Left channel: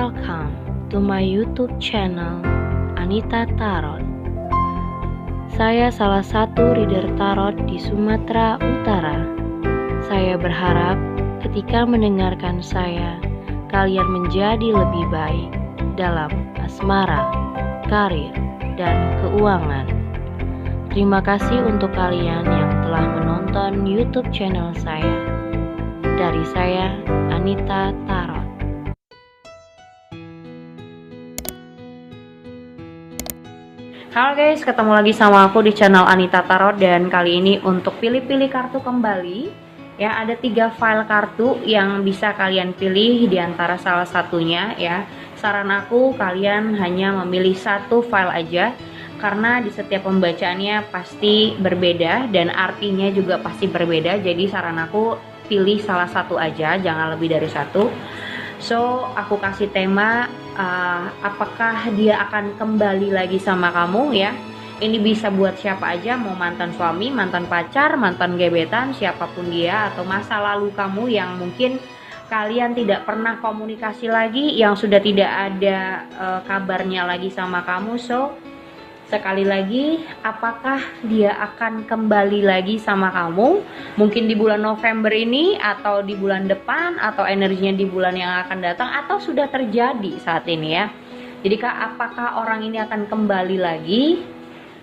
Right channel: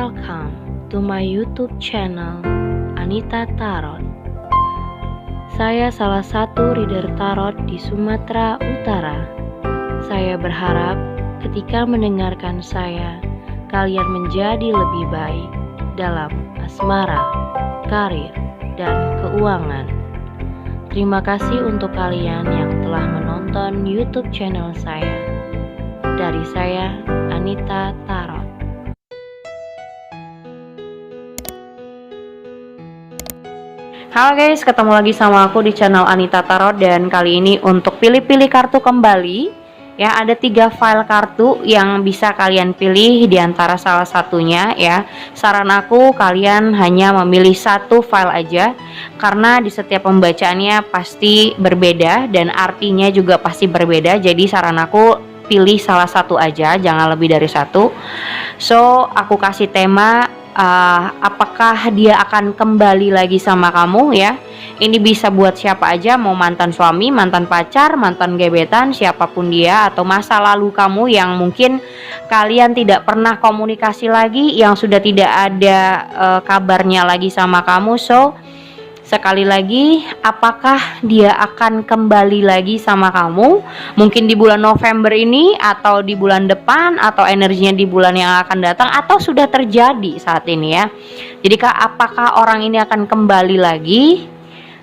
Welcome to my YouTube channel Anita Tarot. Saya salah satu reader tarot di Sumatera Utara. Saya berharap ketika mendengarkan saya, kalian menjadi lebih baik dalam asmara, karir, dan keuangan. Terima kasih untuk kalian yang telah menonton YouTube channel saya. Dari saya, Anita Tarot. Halo guys, ketemu lagi sama aku di channel Anita Tarot. Dan kali ini untuk pilih-pilih kartu kembali, ya, ada 3 file kartu yang bisa kalian pilih di antara salah satunya, ya. Saran aku kalian hanya memilih 1 file aja, karena di setiap pembacaannya pasti berbeda dan artinya juga pasti berbeda. Jadi saran aku pilih salah satu aja, jangan lebih dari 1. So aku kasih tema, apakah dia akan kembali lagi sama kamu, ya. Ini bisa buat siapa aja, mau mantan suami, mantan pacar, mantan gebetan, siapapun dia, atau masa lalu kamu yang mungkin kalian tidak pernah komunikasi lagi, yang sudah tidak ada kabarnya lagi sama kamu. So sekali lagi, apakah dia akan kembali lagi sama kamu? Mungkin di bulan November ini, atau di bulan depan, atau energinya di bulan yang akan datang, atau sudah terjadi saat ini, ya. Jadi apakah orang ini akan kembali lagi?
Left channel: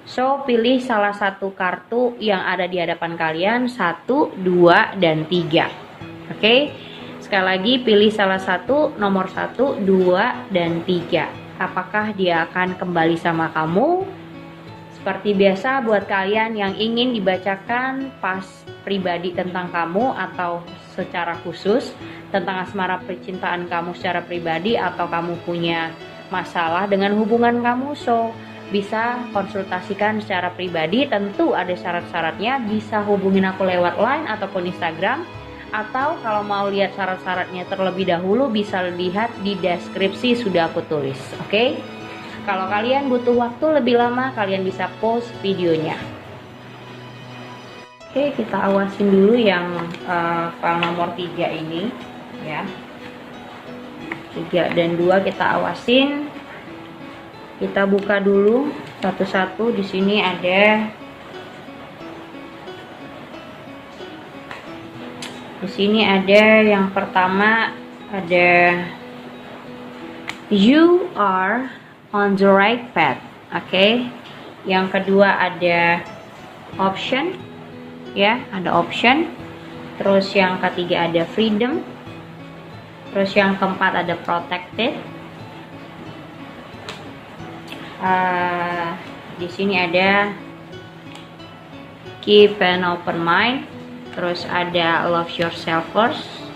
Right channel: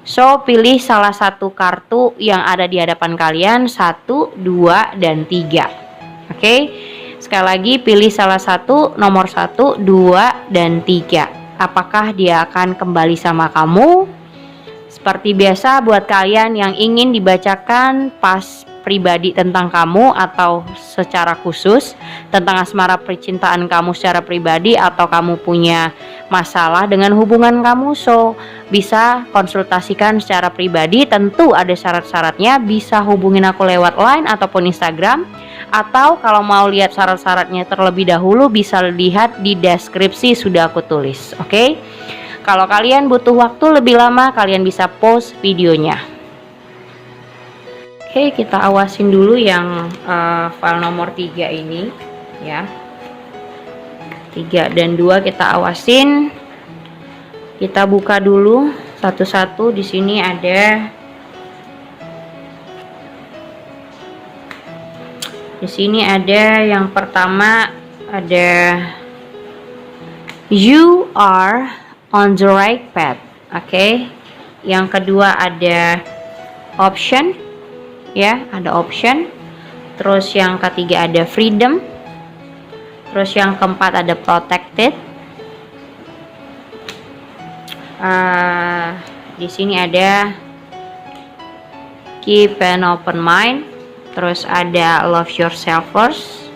So pilih salah satu kartu yang ada di hadapan kalian, 1, 2, dan 3. Oke, sekali lagi pilih salah satu, nomor 1, 2, dan 3. Apakah dia akan kembali sama kamu? Seperti biasa, buat kalian yang ingin dibacakan pas pribadi tentang kamu, atau secara khusus tentang asmara percintaan kamu secara pribadi, atau kamu punya masalah dengan hubungan kamu, so bisa konsultasikan secara pribadi. Tentu ada syarat-syaratnya, bisa hubungin aku lewat line ataupun Instagram, atau kalau mau lihat syarat-syaratnya terlebih dahulu bisa lihat di deskripsi, sudah aku tulis. Oke? Kalau kalian butuh waktu lebih lama, kalian bisa pause videonya. Oke, kita awasin dulu yang file nomor 3 ini, ya. 3 dan 2 kita awasin. Kita buka dulu satu-satu. Di sini ada, yang pertama ada you are on the right path. Oke. Yang kedua ada option, ya, ada option. Terus yang ketiga ada freedom. Terus yang keempat ada protected. Di sini ada keep an open mind. Terus ada love yourself first.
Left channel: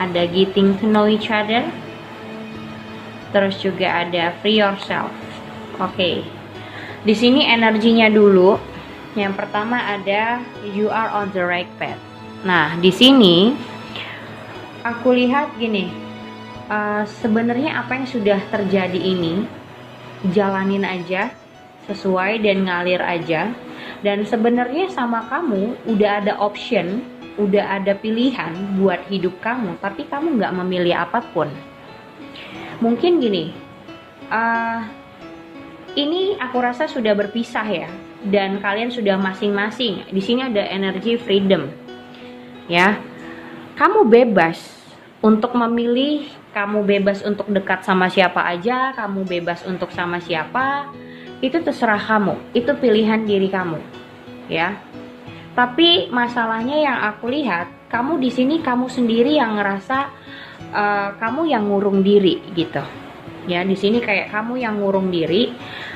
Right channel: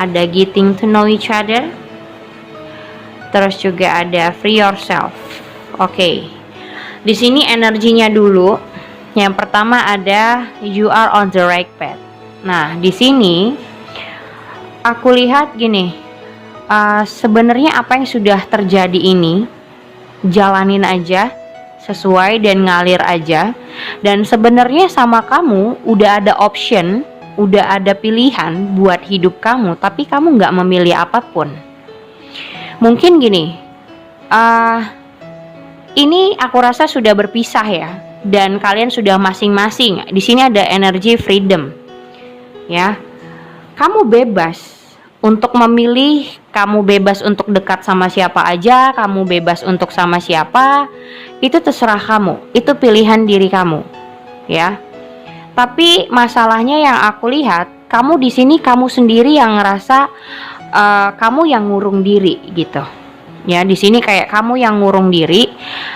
Ada getting to know each other. Terus juga ada free yourself. Oke. Di sini energinya dulu. Yang pertama ada you are on the right path. Nah, di sini aku lihat gini. Sebenarnya apa yang sudah terjadi ini, jalanin aja sesuai dan ngalir aja. Dan sebenarnya sama kamu udah ada option, udah ada pilihan buat hidup kamu, tapi kamu nggak memilih apapun. Mungkin gini, ini aku rasa sudah berpisah, ya, dan kalian sudah masing-masing. Di sini ada energi freedom, ya. Kamu bebas untuk memilih, kamu bebas untuk dekat sama siapa aja, kamu bebas untuk sama siapa, itu terserah kamu, itu pilihan diri kamu, ya. Tapi masalahnya yang aku lihat, kamu di sini kamu sendiri yang ngerasa kamu yang ngurung diri, gitu, ya. Di sini kayak kamu yang ngurung diri,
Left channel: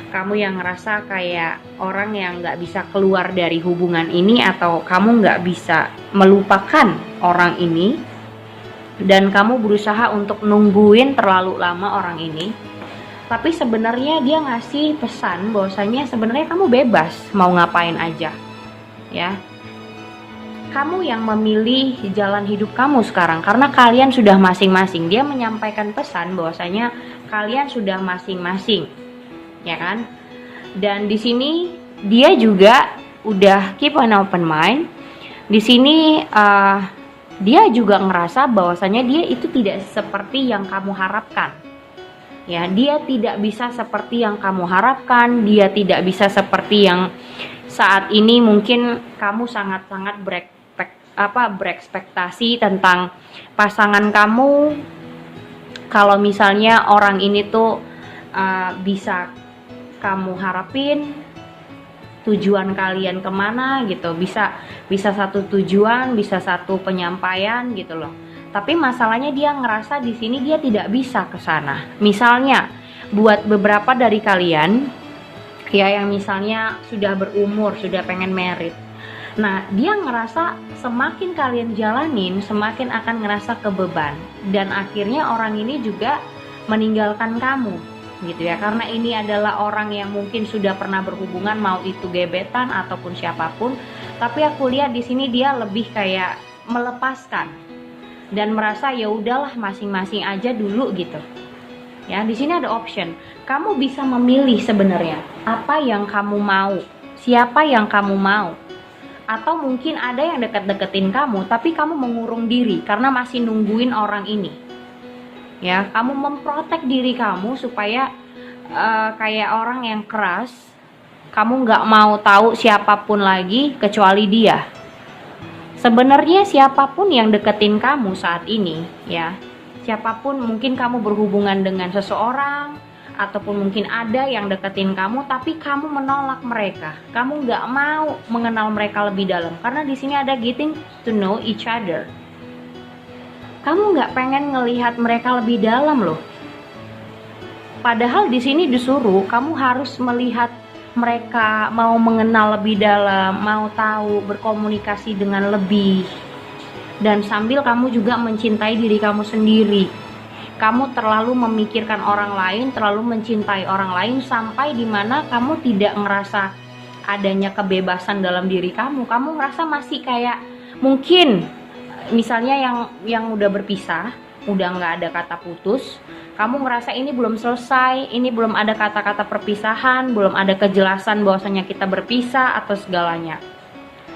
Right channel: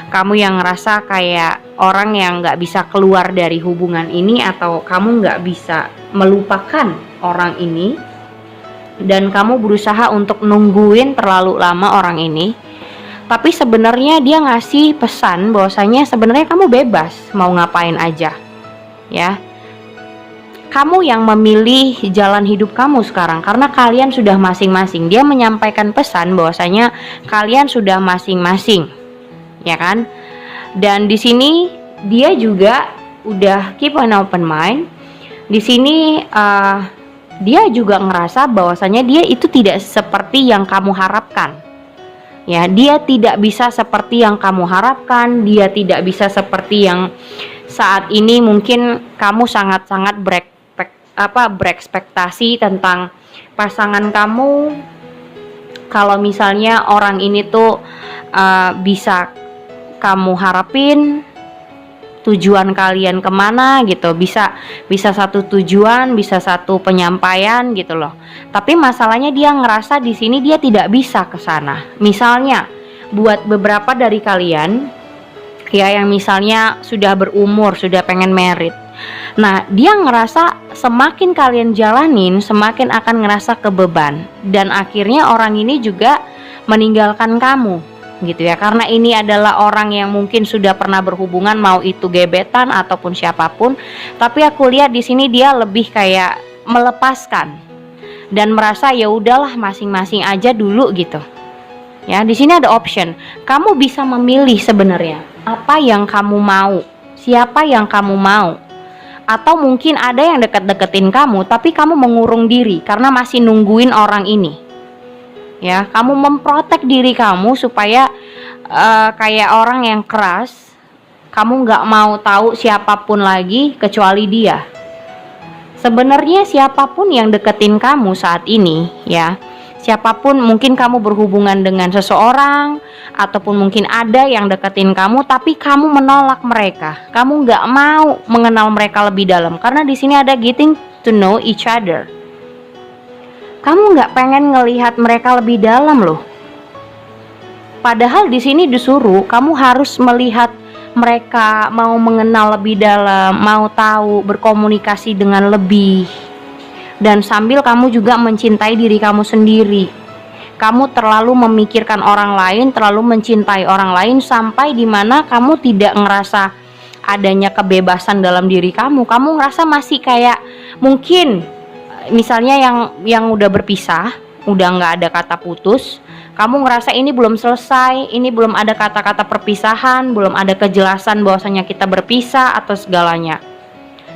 kamu yang ngerasa kayak orang yang nggak bisa keluar dari hubungan ini, atau kamu nggak bisa melupakan orang ini, dan kamu berusaha untuk nungguin terlalu lama orang ini. Tapi sebenarnya dia ngasih pesan bahwasanya sebenarnya kamu bebas mau ngapain aja, ya. Kamu yang memilih jalan hidup kamu sekarang, karena kalian sudah masing-masing. Dia menyampaikan pesan bahwasanya kalian sudah masing-masing, ya kan? Dan di sini dia juga udah keep an open mind. Di sini dia juga ngerasa bahwasanya dia itu tidak seperti yang kamu harapkan. Ya, dia tidak bisa seperti yang kamu harapkan, dia tidak bisa seperti yang saat ini mungkin kamu sangat-sangat berekspektasi tentang pasangan kamu. Kalau misalnya orang ini tuh bisa kamu harapin, tujuan kalian kemana gitu, bisa satu tujuan, bisa satu penyampaian gitu loh. Tapi masalahnya dia ngerasa di sini dia tidak bisa ke sana. Misalnya buat beberapa dari kalian ya yang misalnya sudah berumur, sudah pengen merit. Nah, dia ngerasa semakin kalian jalanin, semakin akan ngerasa kebeban, dan akhirnya orang ini juga meninggalkan kamu gitu ya, karena ini adalah orang yang mungkin sudah pernah berhubungan, mau itu gebetan ataupun siapapun. Tapi aku lihat di sini dia lebih kayak melepaskan dan merasa ya udahlah masing-masing aja dulu gitu. Ya, di sini ada option. Kamu bisa memilih sebenarnya apa yang kamu mau, siapa yang kamu mau. Atau mungkin ada yang deket-deketin kamu tapi kamu mengurung diri karena masih nungguin orang ini. Ya, kamu memprotek diri kamu supaya kayak orang yang keras, kamu nggak mau tahu siapapun lagi kecuali dia. Sebenarnya siapapun yang deketin kamu saat ini, ya, siapapun, mungkin kamu berhubungan dengan seseorang ataupun mungkin ada yang deketin kamu, tapi kamu menolak mereka. Kamu nggak mau mengenal mereka lebih dalam karena di sini ada getting to know each other. Kamu nggak pengen ngelihat mereka lebih dalam loh. Padahal di sini disuruh kamu harus melihat mereka, mau mengenal lebih dalam, mau tahu, berkomunikasi dengan lebih. Dan sambil kamu juga mencintai diri kamu sendiri. Kamu terlalu memikirkan orang lain, terlalu mencintai orang lain sampai dimana kamu tidak ngerasa adanya kebebasan dalam diri kamu. Kamu ngerasa masih kayak mungkin misalnya yang udah berpisah, udah nggak ada kata putus, kamu ngerasa ini belum selesai, ini belum ada kata-kata perpisahan, belum ada kejelasan bahwasanya kita berpisah atau segalanya.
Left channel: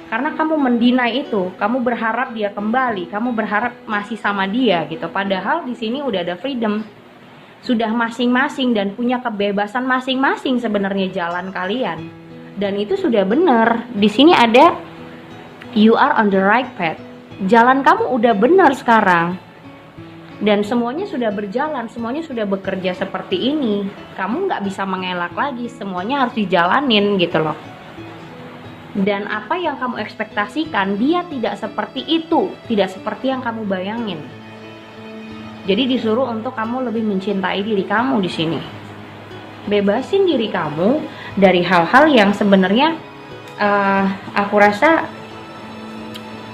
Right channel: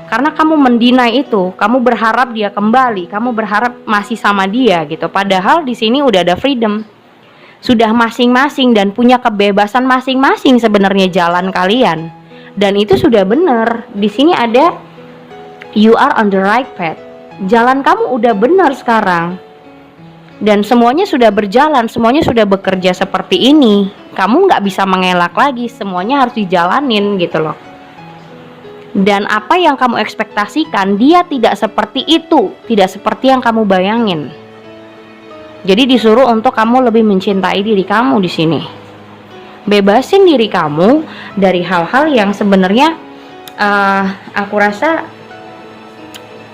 Karena kamu mendinai itu, kamu berharap dia kembali, kamu berharap masih sama dia gitu. Padahal di sini udah ada freedom, sudah masing-masing dan punya kebebasan masing-masing sebenarnya jalan kalian. Dan itu sudah benar. Di sini ada you are on the right path. Jalan kamu udah benar sekarang. Dan semuanya sudah berjalan, semuanya sudah bekerja seperti ini. Kamu nggak bisa mengelak lagi, semuanya harus dijalanin gitu loh. Dan apa yang kamu ekspektasikan, dia tidak seperti itu, tidak seperti yang kamu bayangin. Jadi disuruh untuk kamu lebih mencintai diri kamu di sini. Bebasin diri kamu dari hal-hal yang sebenarnya aku rasa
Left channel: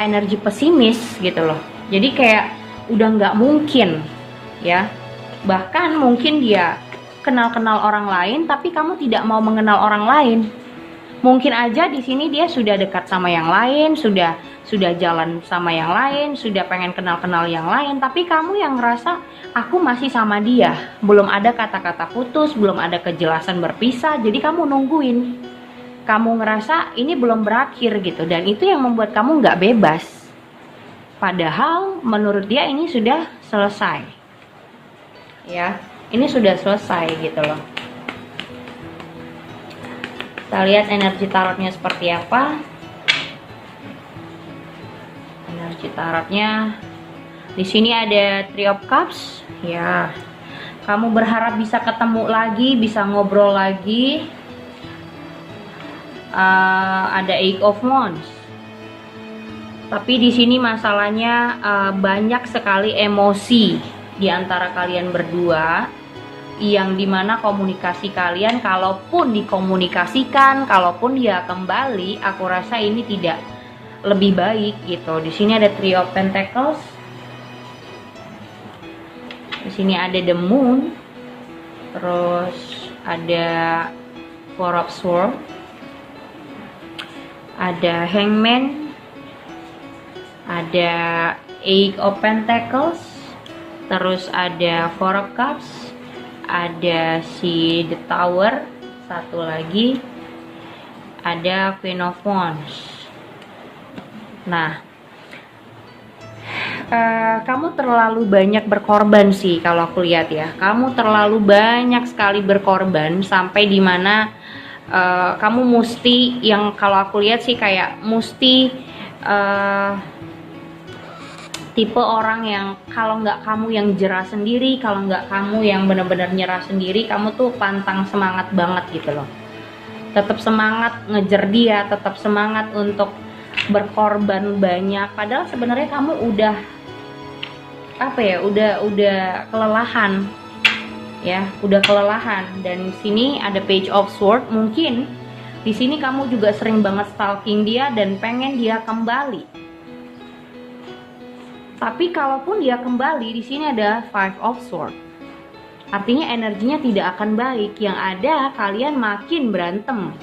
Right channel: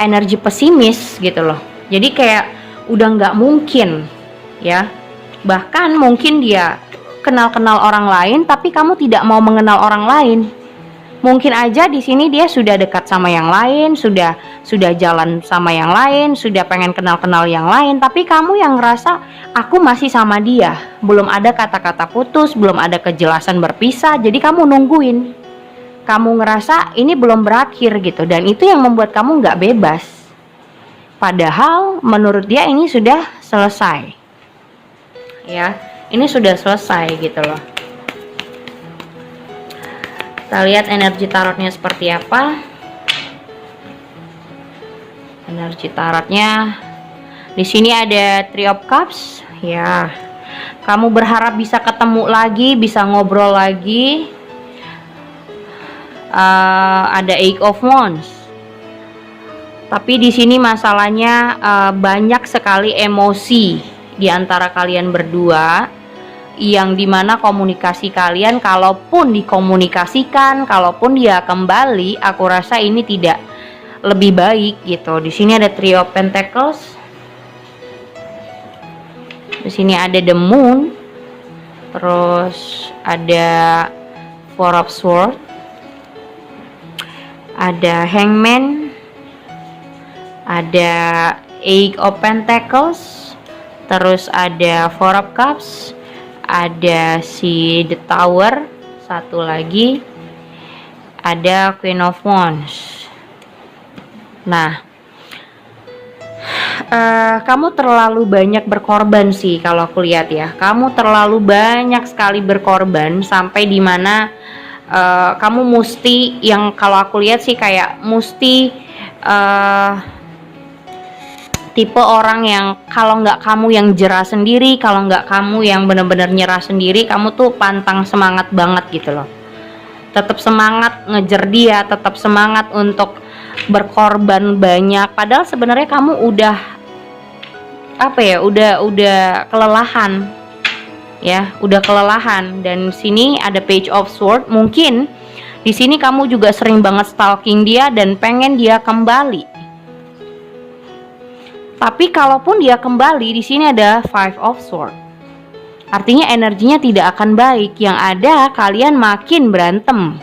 energi pesimis gitu loh. Jadi kayak udah nggak mungkin ya. Bahkan mungkin dia kenal-kenal orang lain tapi kamu tidak mau mengenal orang lain. Mungkin aja di sini dia sudah dekat sama yang lain, sudah jalan sama yang lain, sudah pengen kenal-kenal yang lain, tapi kamu yang ngerasa aku masih sama dia. Belum ada kata-kata putus, belum ada kejelasan berpisah, jadi kamu nungguin. Kamu ngerasa ini belum berakhir gitu, dan itu yang membuat kamu nggak bebas. Padahal menurut dia ini sudah selesai. Ya, ini sudah selesai gitu loh. Kita lihat energi tarotnya seperti apa. Energi tarotnya di sini ada Three of Cups. Ya, kamu berharap bisa ketemu lagi, bisa ngobrol lagi. Ada Eight of Wands. Tapi di sini masalahnya banyak sekali emosi di antara kalian berdua, yang dimana komunikasi kalian, kalaupun dikomunikasikan, kalaupun dia kembali, aku rasa ini tidak lebih baik gitu. Di sini ada Three of Pentacles. Di sini ada The Moon. Terus ada Four of Swords. Ada Hangman. Ada Eight of Pentacles. Terus ada Four of Cups. Ada si The Tower, satu lagi ada Queen of Wands. Nah, Kamu terlalu banyak berkorban sih kalau aku lihat ya. Kamu terlalu banyak sekali berkorban sampai dimana kamu mesti, yang kalau aku lihat sih kayak mesti tipe orang yang kalau nggak kamu yang jerah sendiri, kalau nggak kamu yang bener-bener nyerah sendiri, kamu tuh pantang semangat banget gitu loh. Tetap semangat ngejar dia, tetap semangat untuk berkorban banyak. Padahal sebenarnya kamu udah apa ya, udah kelelahan ya, udah kelelahan. Dan sini ada Page of Sword, mungkin di sini kamu juga sering banget stalking dia dan pengen dia kembali. Tapi kalaupun dia kembali, di sini ada Five of Sword. Artinya energinya tidak akan baik, yang ada kalian makin berantem.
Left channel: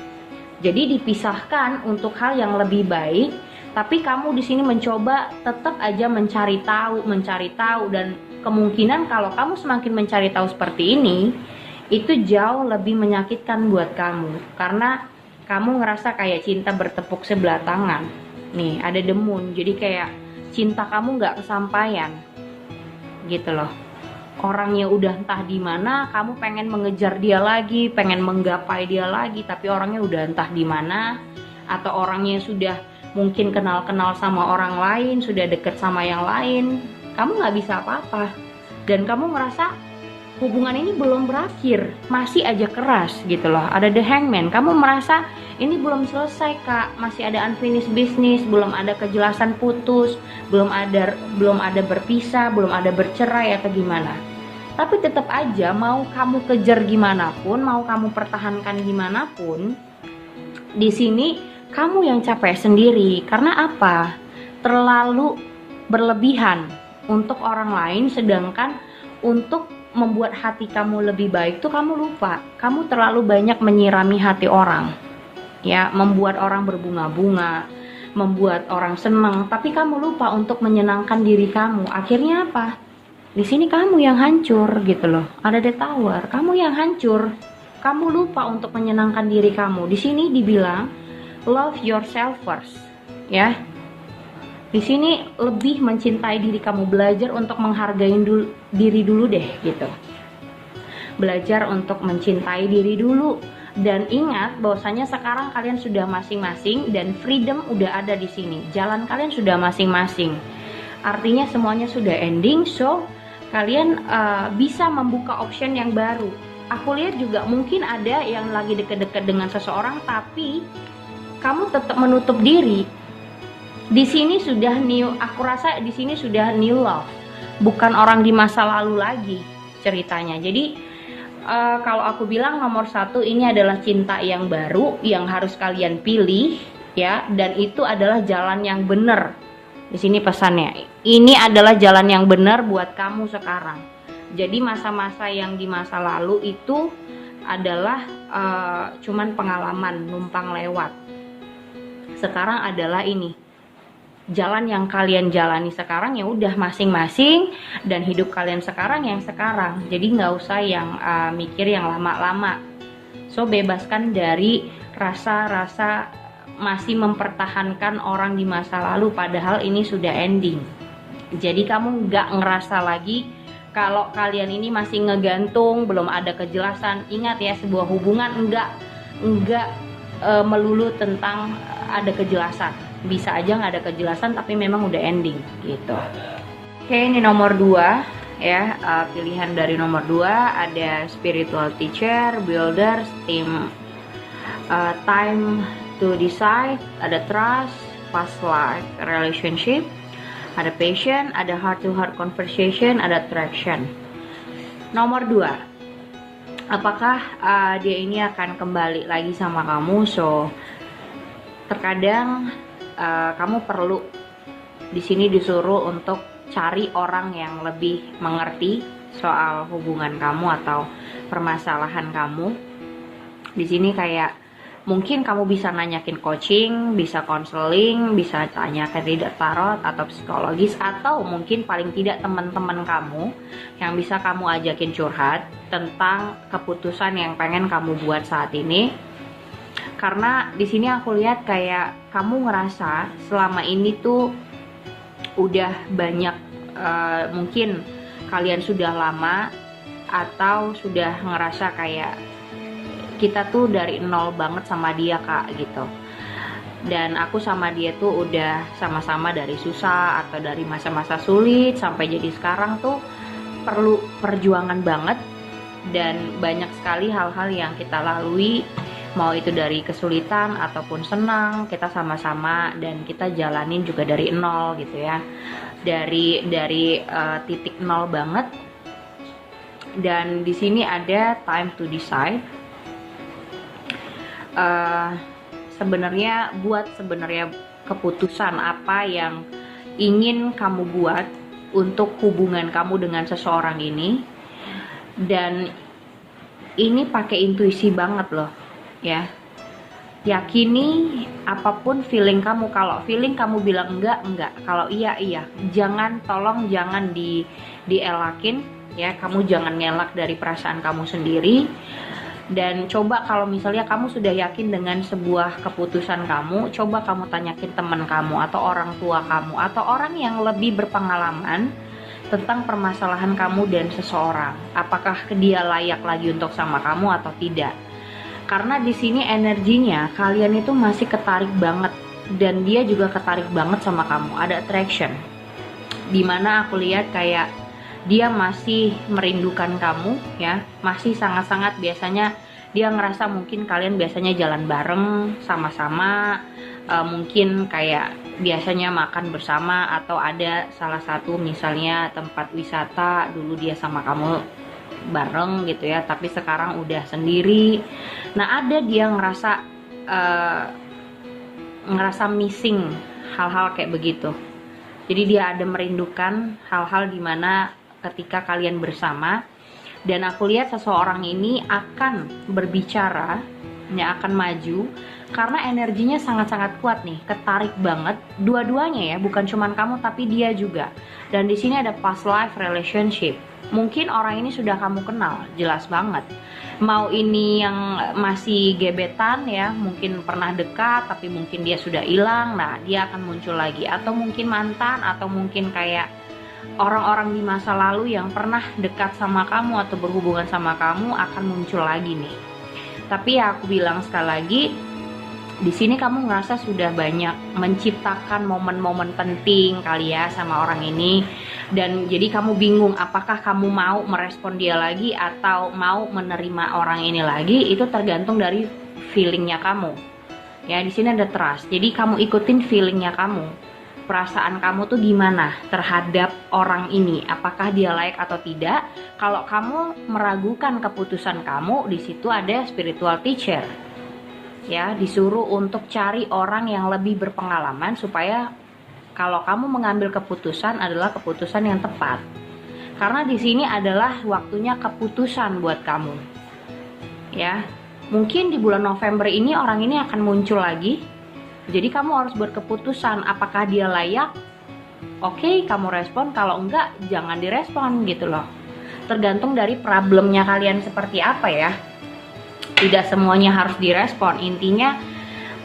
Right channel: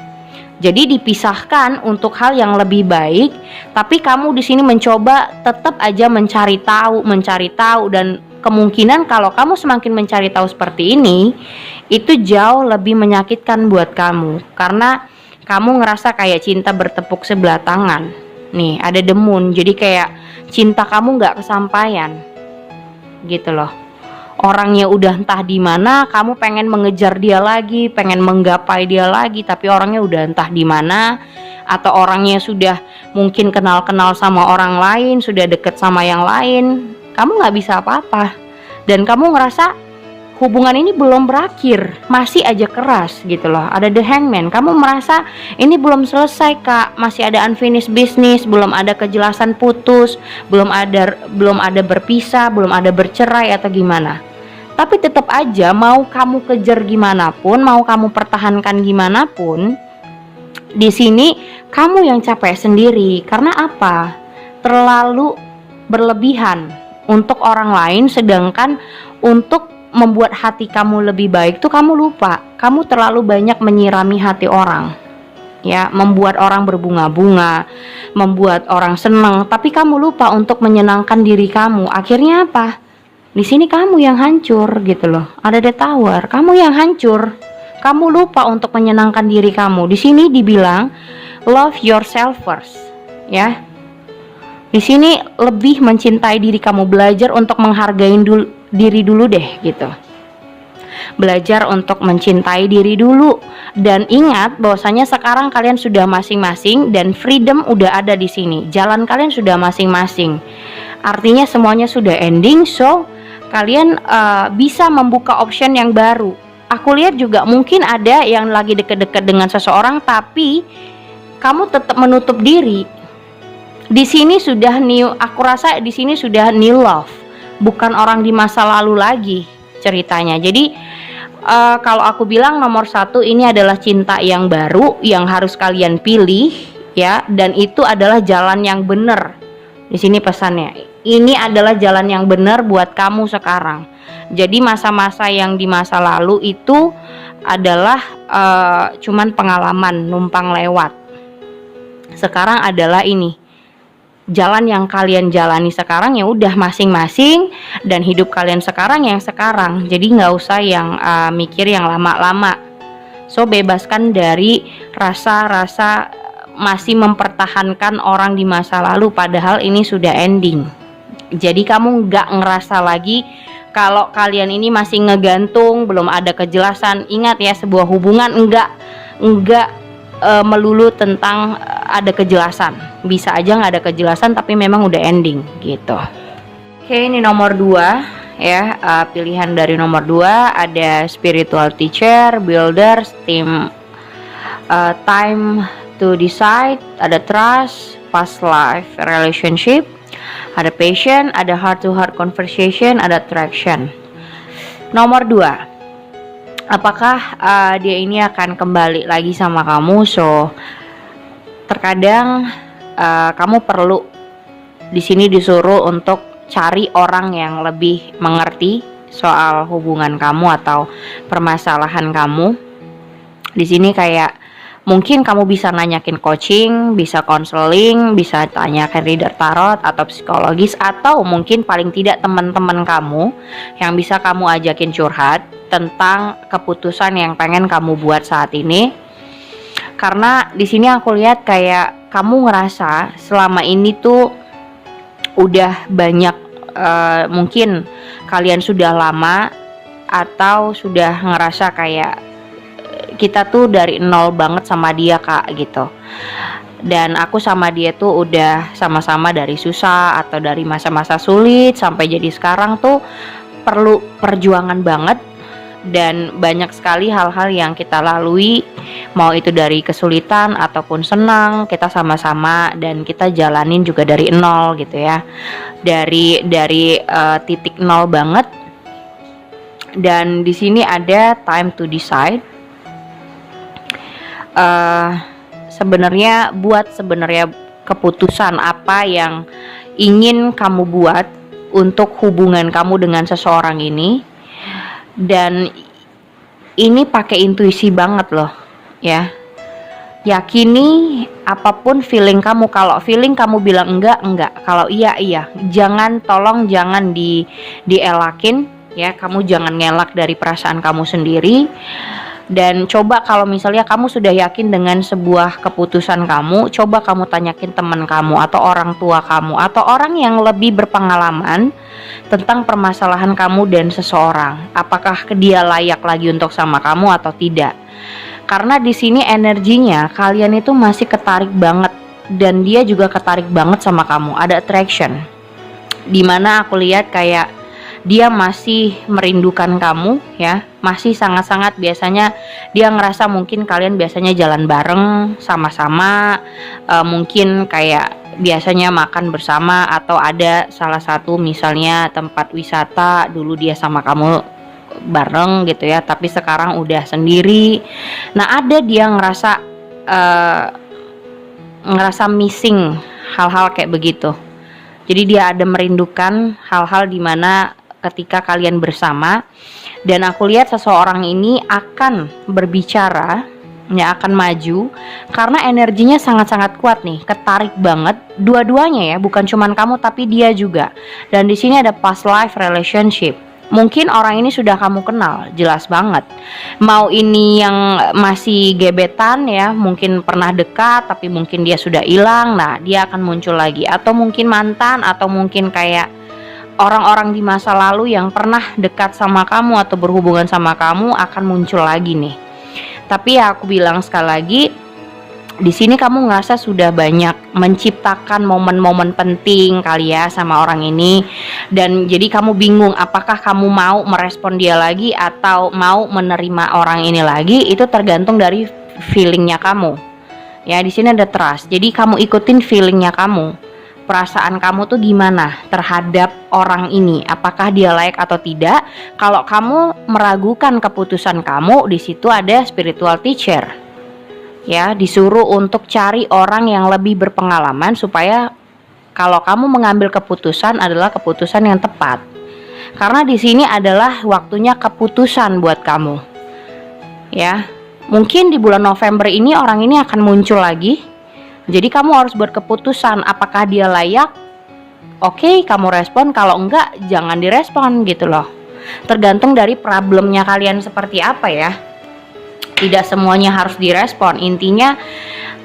Jadi dipisahkan untuk hal yang lebih baik, tapi kamu di sini mencoba tetap aja mencari tahu, dan kemungkinan kalau kamu semakin mencari tahu seperti ini, itu jauh lebih menyakitkan buat kamu, karena kamu ngerasa kayak cinta bertepuk sebelah tangan. Nih, ada The Moon, jadi kayak cinta kamu nggak kesampaian, gitu loh. Orangnya udah entah di mana, kamu pengen mengejar dia lagi, pengen menggapai dia lagi, tapi orangnya udah entah di mana, atau orangnya sudah mungkin kenal-kenal sama orang lain, sudah deket sama yang lain. Kamu nggak bisa apa-apa, dan kamu ngerasa hubungan ini belum berakhir, masih aja keras gitu loh. Ada The Hangman, kamu merasa ini belum selesai kak, masih ada unfinished business, belum ada kejelasan putus, belum ada berpisah, belum ada bercerai atau gimana. Tapi tetap aja mau kamu kejar gimana pun, mau kamu pertahankan gimana pun, di sini kamu yang capek sendiri. Karena apa? Terlalu berlebihan untuk orang lain, sedangkan untuk membuat hati kamu lebih baik tuh kamu lupa. Kamu terlalu banyak menyirami hati orang, ya, membuat orang berbunga-bunga, membuat orang senang, tapi kamu lupa untuk menyenangkan diri kamu. Akhirnya apa? Di sini kamu yang hancur gitu loh. Ada The Tower, kamu yang hancur. Kamu lupa untuk menyenangkan diri kamu. Di sini dibilang love yourself first, ya. Di sini lebih mencintai diri kamu, belajar untuk menghargai diri dulu deh gitu. Belajar untuk mencintai diri dulu, dan ingat bahwasanya sekarang kalian sudah masing-masing dan freedom udah ada di sini. Jalan kalian sudah masing-masing. Artinya semuanya sudah ending, so kalian bisa membuka option yang baru. Aku lihat juga mungkin ada yang lagi deket-deket dengan seseorang, tapi kamu tetap menutup diri. Di sini sudah new, aku rasa di sini sudah new love, bukan orang di masa lalu lagi ceritanya. Jadi kalau aku bilang nomor 1 ini adalah cinta yang baru yang harus kalian pilih, ya, dan itu adalah jalan yang benar. Di sini pesannya, ini adalah jalan yang benar buat kamu sekarang. Jadi masa-masa yang di masa lalu itu adalah cuman pengalaman numpang lewat. Sekarang adalah ini jalan yang kalian jalani sekarang, ya udah masing-masing, dan hidup kalian sekarang yang sekarang. Jadi nggak usah yang mikir yang lama-lama. So bebaskan dari rasa-rasa masih mempertahankan orang di masa lalu, padahal ini sudah ending. Jadi kamu nggak ngerasa lagi kalau kalian ini masih ngegantung, belum ada kejelasan. Ingat ya, sebuah hubungan enggak melulu tentang ada kejelasan. Bisa aja nggak ada kejelasan tapi memang udah ending gitu. Oke, ini nomor 2 ya. Pilihan dari nomor 2 ada spiritual teacher, builders, team, time to decide, ada trust, past life relationship, ada passion, ada heart to heart conversation, ada attraction. Nomor 2, apakah dia ini akan kembali lagi sama kamu? So terkadang kamu perlu di sini disuruh untuk cari orang yang lebih mengerti soal hubungan kamu atau permasalahan kamu. Di sini kayak mungkin kamu bisa nanyakin coaching, bisa konseling, bisa tanyakan reader tarot atau psikologis, atau mungkin paling tidak teman-teman kamu yang bisa kamu ajakin curhat tentang keputusan yang pengen kamu buat saat ini. Karena di sini aku lihat kayak kamu ngerasa selama ini tuh udah banyak mungkin kalian sudah lama atau sudah ngerasa kayak kita tuh dari nol banget sama dia kak gitu. Dan aku sama dia tuh udah sama-sama dari susah atau dari masa-masa sulit sampai jadi sekarang tuh perlu perjuangan banget, dan banyak sekali hal-hal yang kita lalui, mau itu dari kesulitan ataupun senang, kita sama-sama dan kita jalanin juga dari nol gitu ya, dari titik nol banget. Dan di sini ada time to decide. Sebenarnya keputusan apa yang ingin kamu buat untuk hubungan kamu dengan seseorang ini. Dan ini pakai intuisi banget loh ya. Yakini apapun feeling kamu. Kalau feeling kamu bilang enggak, kalau iya. Tolong jangan dielakin ya. Kamu jangan ngelak dari perasaan kamu sendiri. Dan coba kalau misalnya kamu sudah yakin dengan sebuah keputusan kamu, coba kamu tanyakin teman kamu atau orang tua kamu atau orang yang lebih berpengalaman tentang permasalahan kamu dan seseorang. Apakah dia layak lagi untuk sama kamu atau tidak? Karena di sini energinya kalian itu masih ketarik banget, dan dia juga ketarik banget sama kamu. Ada attraction. Dimana aku lihat kayak dia masih merindukan kamu ya, masih sangat-sangat. Biasanya dia ngerasa mungkin kalian biasanya jalan bareng sama-sama, mungkin kayak biasanya makan bersama, atau ada salah satu misalnya tempat wisata dulu dia sama kamu bareng gitu ya, tapi sekarang udah sendiri. Nah ada dia ngerasa missing hal-hal kayak begitu. Jadi dia ada merindukan hal-hal dimana ketika kalian bersama. Dan aku lihat seseorang ini akan berbicara ya, akan maju, karena energinya sangat-sangat kuat nih, ketarik banget dua-duanya ya, bukan cuman kamu tapi dia juga. Dan di sini ada past life relationship. Mungkin orang ini sudah kamu kenal, jelas banget. Mau ini yang masih gebetan ya, mungkin pernah dekat tapi mungkin dia sudah hilang. Nah dia akan muncul lagi. Atau mungkin mantan, atau mungkin kayak orang-orang di masa lalu yang pernah dekat sama kamu atau berhubungan sama kamu akan muncul lagi nih. Tapi ya aku bilang sekali lagi, di sini kamu ngerasa sudah banyak menciptakan momen-momen penting kali ya sama orang ini. Dan jadi kamu bingung apakah kamu mau merespon dia lagi atau mau menerima orang ini lagi. Itu tergantung dari feelingnya kamu. Ya di sini ada trust. Jadi kamu ikutin feelingnya kamu. Perasaan kamu tuh gimana terhadap orang ini? Apakah dia layak atau tidak? Kalau kamu meragukan keputusan kamu, di situ ada spiritual teacher. Ya, disuruh untuk cari orang yang lebih berpengalaman supaya kalau kamu mengambil keputusan adalah keputusan yang tepat. Karena di sini adalah waktunya keputusan buat kamu. Ya, mungkin di bulan November ini orang ini akan muncul lagi. Jadi kamu harus buat keputusan apakah dia layak. Oke, kamu respon. Kalau enggak, jangan direspon gitu loh. Tergantung dari problemnya kalian seperti apa ya. Tidak semuanya harus direspon. Intinya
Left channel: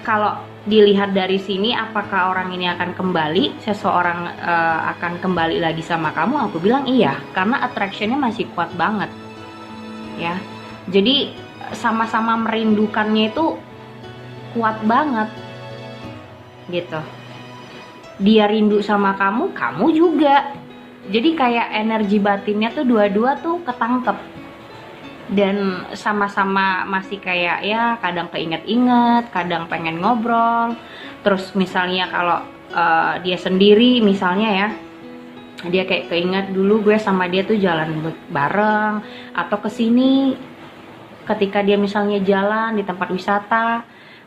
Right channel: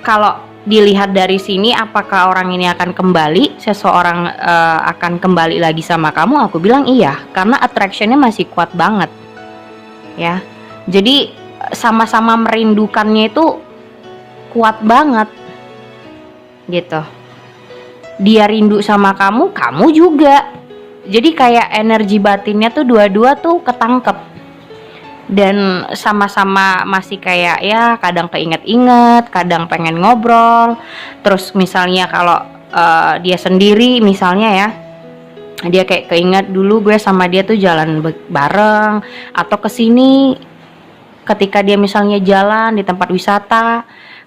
kalau dilihat dari sini, apakah orang ini akan kembali, seseorang akan kembali lagi sama kamu? Aku bilang iya, karena attractionnya masih kuat banget ya. Jadi sama-sama merindukannya itu kuat banget gitu. Dia rindu sama kamu, kamu juga. Jadi kayak energi batinnya tuh dua-dua tuh ketangkep. Dan sama-sama masih kayak ya kadang keinget-inget, kadang pengen ngobrol. Terus misalnya kalau dia sendiri misalnya ya, dia kayak keinget dulu gue sama dia tuh jalan bareng, atau kesini ketika dia misalnya jalan di tempat wisata,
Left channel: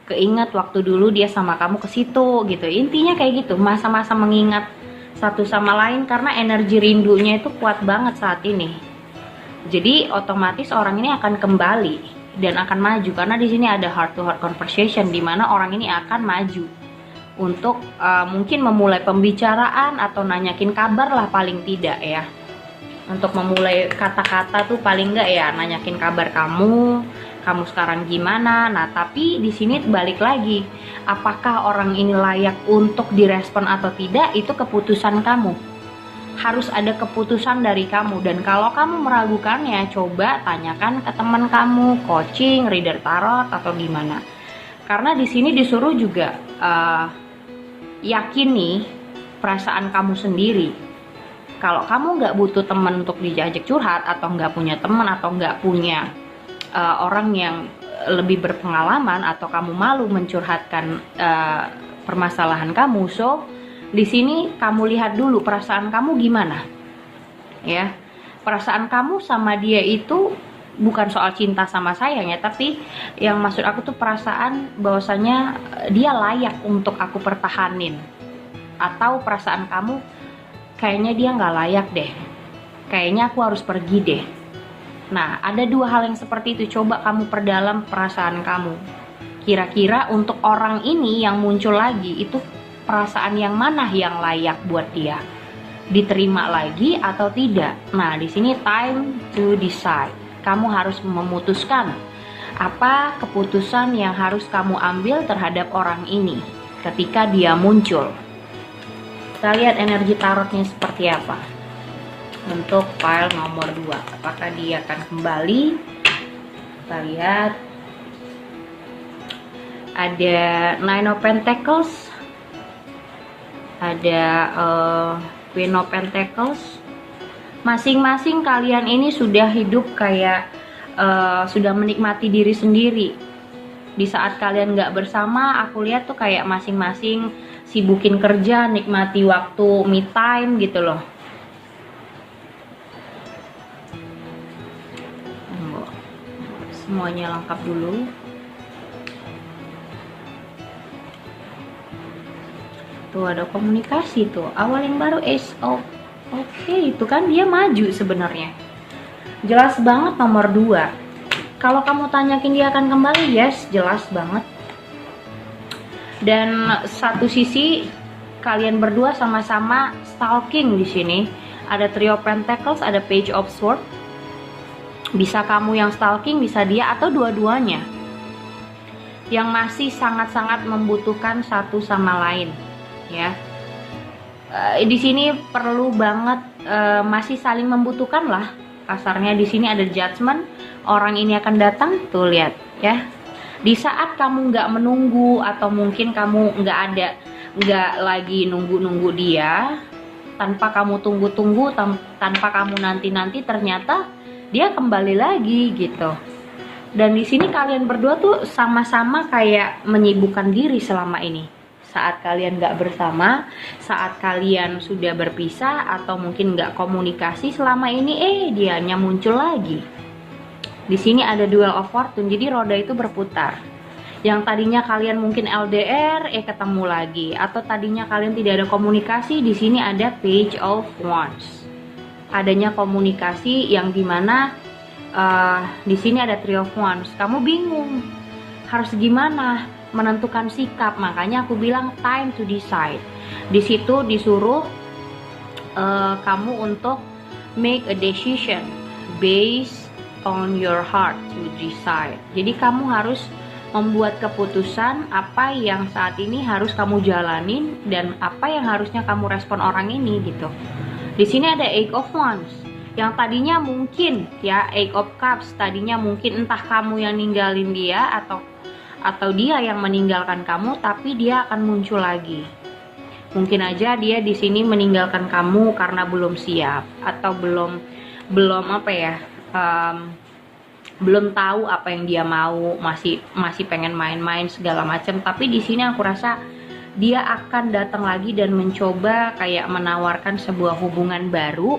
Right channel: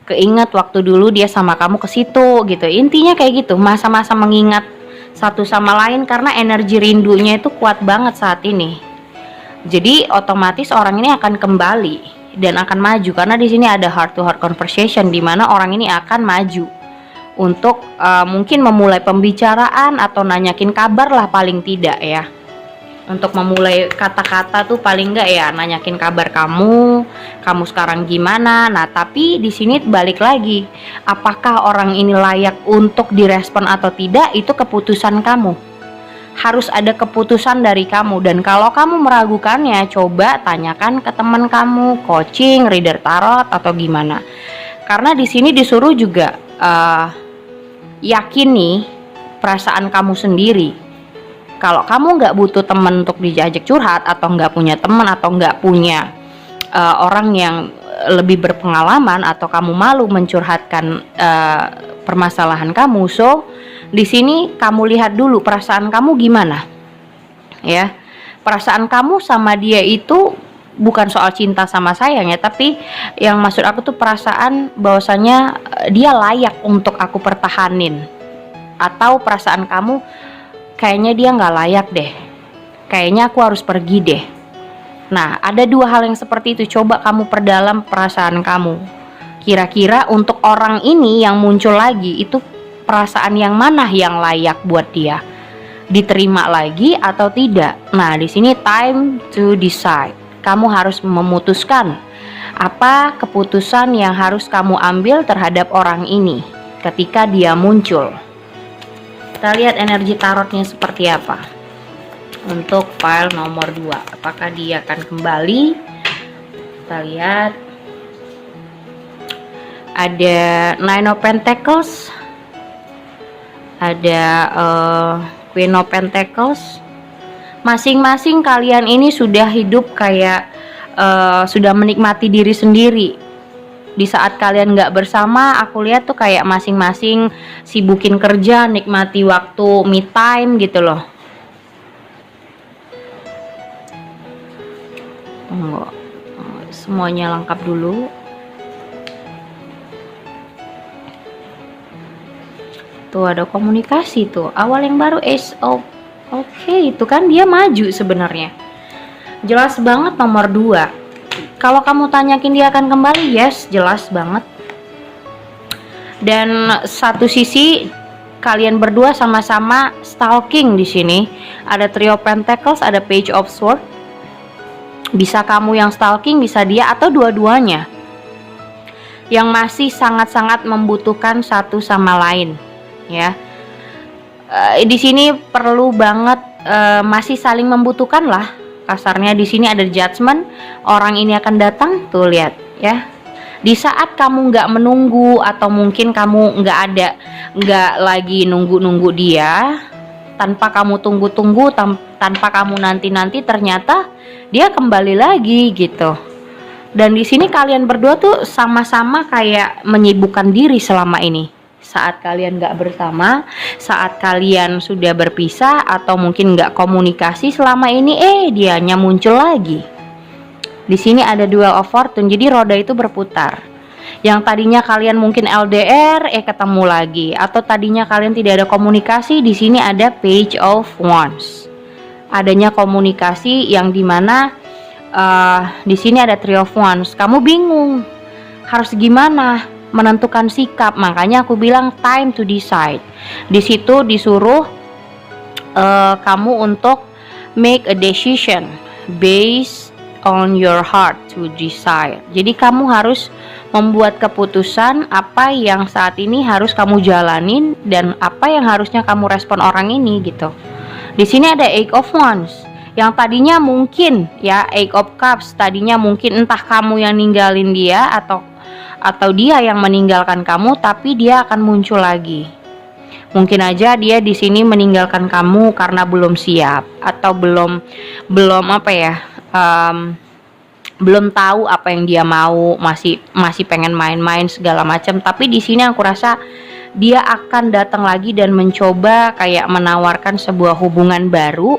keinget waktu dulu dia sama kamu ke situ gitu. Intinya kayak gitu, masa-masa mengingat satu sama lain karena energi rindunya itu kuat banget saat ini. Jadi otomatis orang ini akan kembali dan akan maju, karena di sini ada heart to heart conversation di mana orang ini akan maju untuk mungkin memulai pembicaraan atau nanyakin kabar lah paling tidak ya. Untuk memulai kata-kata tuh paling enggak ya nanyakin kabar kamu sekarang gimana. Nah tapi di sini balik lagi, apakah orang ini layak untuk direspon atau tidak, itu keputusan kamu. harus ada keputusan dari kamu. Dan kalau kamu meragukannya, coba tanyakan ke teman kamu, coaching, reader tarot atau gimana. Karena di sini disuruh juga yakini perasaan kamu sendiri. Kalau kamu nggak butuh teman untuk diajak curhat, atau nggak punya teman, atau nggak punya orang yang lebih berpengalaman, atau kamu malu mencurhatkan permasalahan kamu, so di sini kamu lihat dulu perasaan kamu gimana, ya. Perasaan kamu sama dia itu bukan soal cinta sama sayang ya, tapi yang maksud aku tuh perasaan bahwasanya dia layak untuk aku pertahanin, atau perasaan kamu kayaknya dia nggak layak deh, kayaknya aku harus pergi deh. Nah, ada dua hal yang seperti itu. Coba kamu perdalam perasaan kamu. Kira-kira untuk orang ini yang muncul lagi, itu perasaan yang mana yang layak buat dia? Diterima lagi atau tidak? Nah, di sini time to decide. Kamu harus memutuskan apa keputusan yang harus kamu ambil terhadap orang ini ketika dia muncul. Kita lihat energi tarotnya seperti apa untuk file nomor 2. Apakah dia akan kembali? Kita lihat. Ada Nine of Pentacles, ada Queen of Pentacles. Masing-masing kalian ini sudah hidup kayak sudah menikmati diri sendiri. Di saat kalian nggak bersama, aku lihat tuh kayak masing-masing sibukin kerja, nikmati waktu me time gitu loh. Semuanya lengkap dulu. Tuh ada komunikasi tuh. Awal yang baru Ace of Oke, itu kan dia maju sebenarnya. Jelas banget nomor 2. Kalau kamu tanyakin dia akan kembali, yes, jelas banget. Dan satu sisi kalian berdua sama-sama stalking di sini. Ada Trio Pentacles, ada Page of Swords. Bisa kamu yang stalking, bisa dia, atau dua-duanya yang masih sangat-sangat membutuhkan satu sama lain, ya. Di sini perlu banget masih saling membutuhkan lah kasarnya. Di sini ada Judgment, orang ini akan datang, tuh lihat ya. Di saat kamu nggak menunggu, atau mungkin kamu nggak lagi nunggu dia, tanpa kamu tunggu-tunggu, tanpa kamu nanti-nanti, ternyata dia kembali lagi gitu. Dan di sini kalian berdua tuh sama-sama kayak menyibukkan diri selama ini. Saat kalian nggak bersama, saat kalian sudah berpisah, atau mungkin nggak komunikasi selama ini, dianya muncul lagi. Di sini ada Duel of Fortune, jadi roda itu berputar. Yang tadinya kalian mungkin LDR, ketemu lagi, atau tadinya kalian tidak ada komunikasi, di sini ada Page of Wands. Adanya komunikasi yang dimana di sini ada Three of Wands. Kamu bingung harus gimana menentukan sikap, makanya aku bilang time to decide. Di situ disuruh kamu untuk make a decision based on your heart to decide. Jadi kamu harus membuat keputusan apa yang saat ini harus kamu jalanin dan apa yang harusnya kamu respon orang ini gitu. Di sini ada Eight of Wands. Yang tadinya mungkin ya Eight of Cups, tadinya mungkin entah kamu yang ninggalin dia atau dia yang meninggalkan kamu, tapi dia akan muncul lagi. Mungkin aja dia di sini meninggalkan kamu karena belum siap, atau belum apa ya, belum tahu apa yang dia mau, masih pengen main-main segala macam. Tapi di sini aku rasa dia akan datang lagi dan mencoba kayak menawarkan sebuah hubungan baru,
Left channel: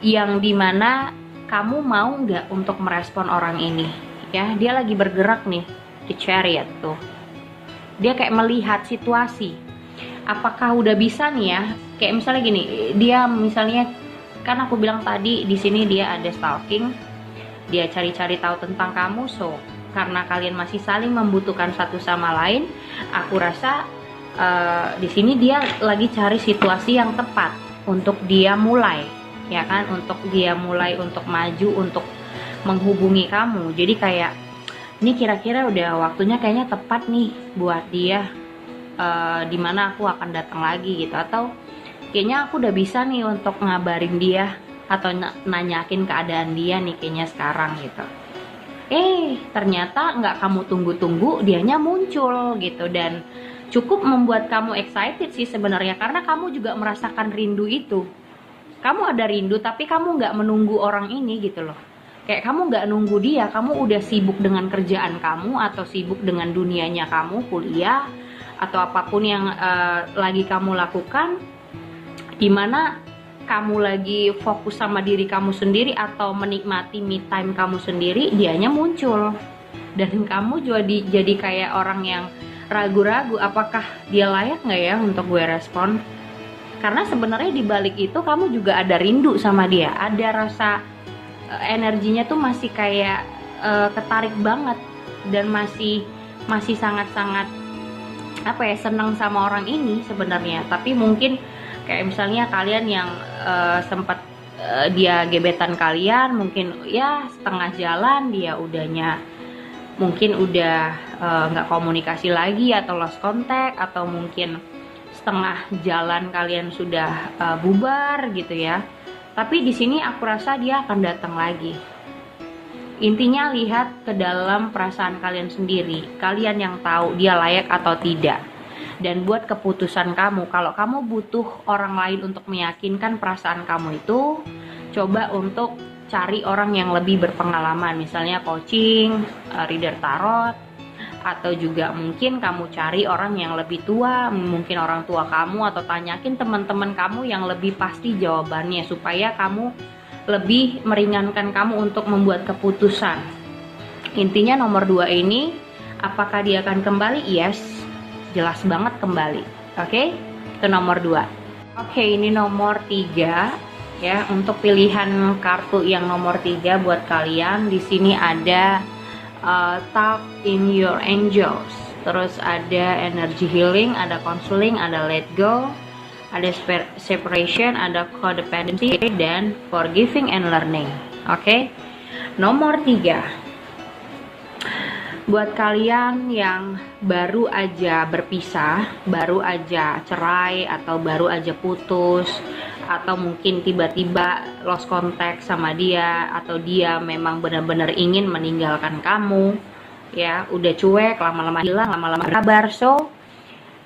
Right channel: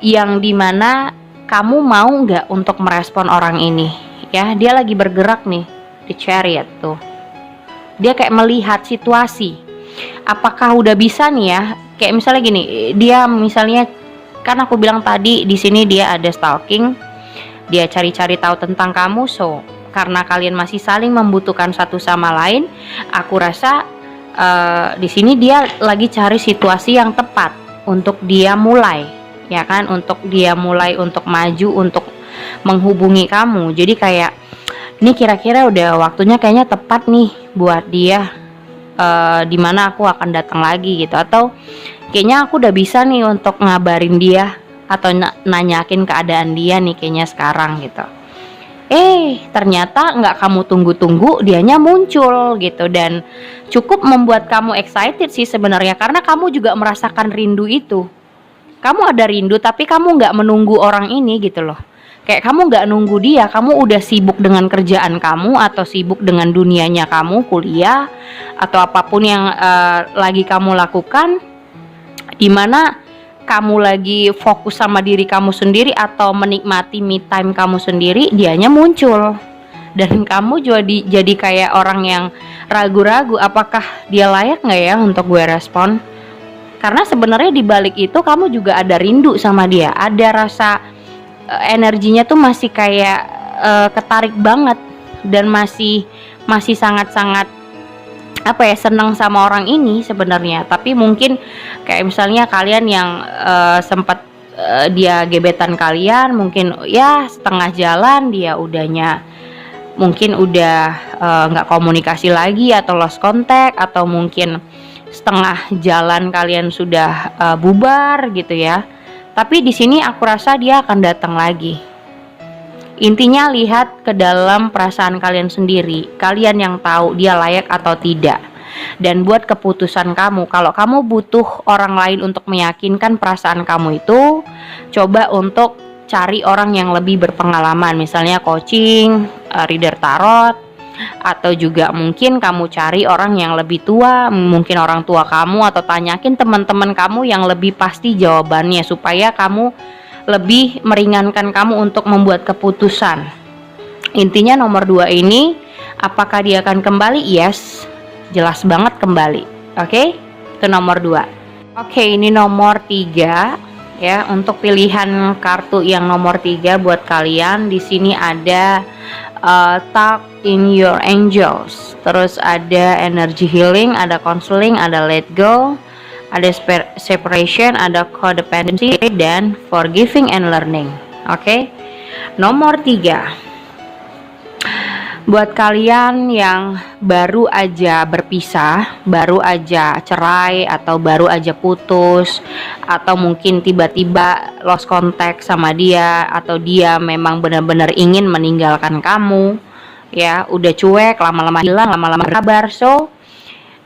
yang dimana kamu mau nggak untuk merespon orang ini ya. Dia lagi bergerak nih di Chariot tuh, dia kayak melihat situasi apakah udah bisa nih ya. Kayak misalnya gini, dia misalnya kan aku bilang tadi di sini dia ada stalking, dia cari-cari tahu tentang kamu. So karena kalian masih saling membutuhkan satu sama lain, aku rasa di sini dia lagi cari situasi yang tepat untuk dia mulai, ya kan, untuk dia mulai untuk maju, untuk menghubungi kamu. Jadi kayak ini kira-kira udah waktunya kayaknya tepat nih buat dia, dimana aku akan datang lagi gitu. Atau Kayaknya aku udah bisa nih untuk ngabarin dia atau nanyakin keadaan dia nih kayaknya sekarang gitu. Ternyata nggak kamu tunggu-tunggu, dianya muncul gitu, dan cukup membuat kamu excited sih sebenarnya, karena kamu juga merasakan rindu itu. Kamu ada rindu tapi kamu nggak menunggu orang ini gitu loh. Kayak kamu nggak nunggu dia, kamu udah sibuk dengan kerjaan kamu atau sibuk dengan dunianya kamu, kuliah atau apapun yang lagi kamu lakukan, dimana kamu lagi fokus sama diri kamu sendiri atau menikmati me time kamu sendiri, dianya muncul. Dan kamu jadi kayak orang yang ragu-ragu, apakah dia layak nggak ya untuk gue respon. Karena sebenarnya di balik itu kamu juga ada rindu sama dia, ada rasa energinya tuh masih kayak ketarik banget, dan masih sangat-sangat apa ya, senang sama orang ini sebenarnya. Tapi mungkin kayak misalnya kalian yang sempat dia gebetan kalian, mungkin ya setengah jalan dia udahnya mungkin udah nggak komunikasi lagi atau lost contact, atau mungkin setengah jalan kalian sudah bubar gitu ya. Tapi di sini aku rasa dia akan datang lagi. Intinya lihat ke dalam perasaan kalian sendiri. Kalian yang tahu dia layak atau tidak. Dan buat keputusan kamu. Kalau kamu butuh orang lain untuk meyakinkan perasaan kamu itu, coba untuk cari orang yang lebih berpengalaman. Misalnya coaching, reader tarot, atau juga mungkin kamu cari orang yang lebih tua, mungkin orang tua kamu, atau tanyakin teman-teman kamu yang lebih pasti jawabannya, supaya kamu lebih meringankan kamu untuk membuat keputusan. Intinya nomor 2 ini, apakah dia akan kembali? Yes, jelas banget kembali. Oke, itu nomor 2. Oke, ini nomor 3 ya. Untuk pilihan kartu yang nomor 3 buat kalian, di sini ada talk in your angels, terus ada energy healing, ada counseling, ada let go, ada separation, ada codependency, dan forgiving and learning. Oke. Nomor 3, buat kalian yang baru aja berpisah, baru aja cerai, atau baru aja putus, atau mungkin tiba-tiba lost contact sama dia, atau dia memang benar-benar ingin meninggalkan kamu ya, udah cuek, lama-lama hilang, lama-lama kabar. So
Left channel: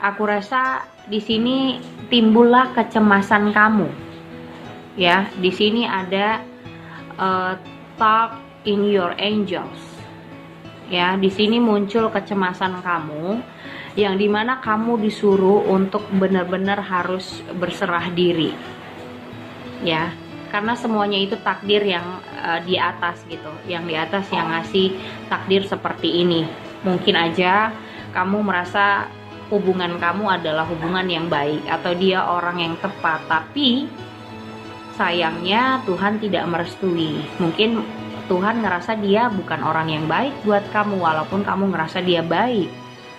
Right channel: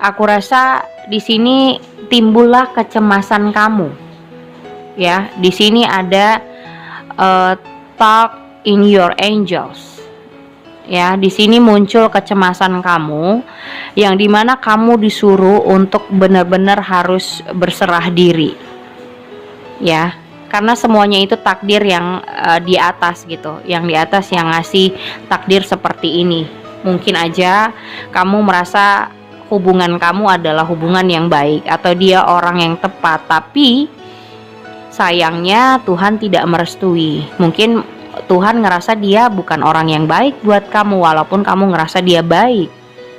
aku rasa di sini timbullah kecemasan kamu ya. Di sini ada talk in your angels ya. Di sini muncul kecemasan kamu, yang dimana kamu disuruh untuk benar-benar harus berserah diri ya, karena semuanya itu takdir yang di atas gitu, yang di atas yang ngasih takdir seperti ini. Mungkin aja kamu merasa hubungan kamu adalah hubungan yang baik, atau dia orang yang tepat, tapi sayangnya Tuhan tidak merestui. Mungkin Tuhan ngerasa dia bukan orang yang baik buat kamu, walaupun kamu ngerasa dia baik.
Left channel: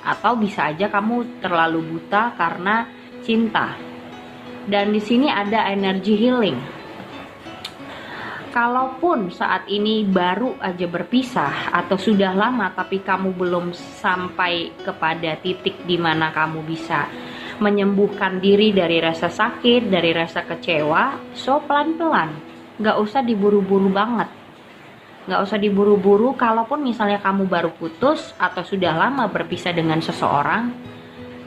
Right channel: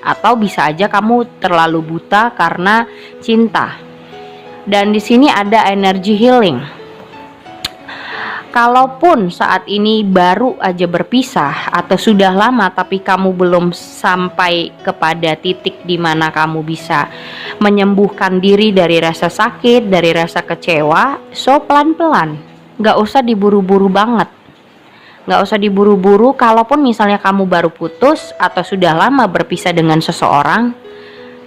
Atau bisa aja kamu terlalu buta karena cinta. Dan di sini ada energy healing. Kalaupun saat ini baru aja berpisah atau sudah lama tapi kamu belum sampai kepada titik di mana kamu bisa menyembuhkan diri dari rasa sakit, dari rasa kecewa, so pelan-pelan, gak usah diburu-buru banget. Gak usah diburu-buru. Kalaupun misalnya kamu baru putus atau sudah lama berpisah dengan seseorang,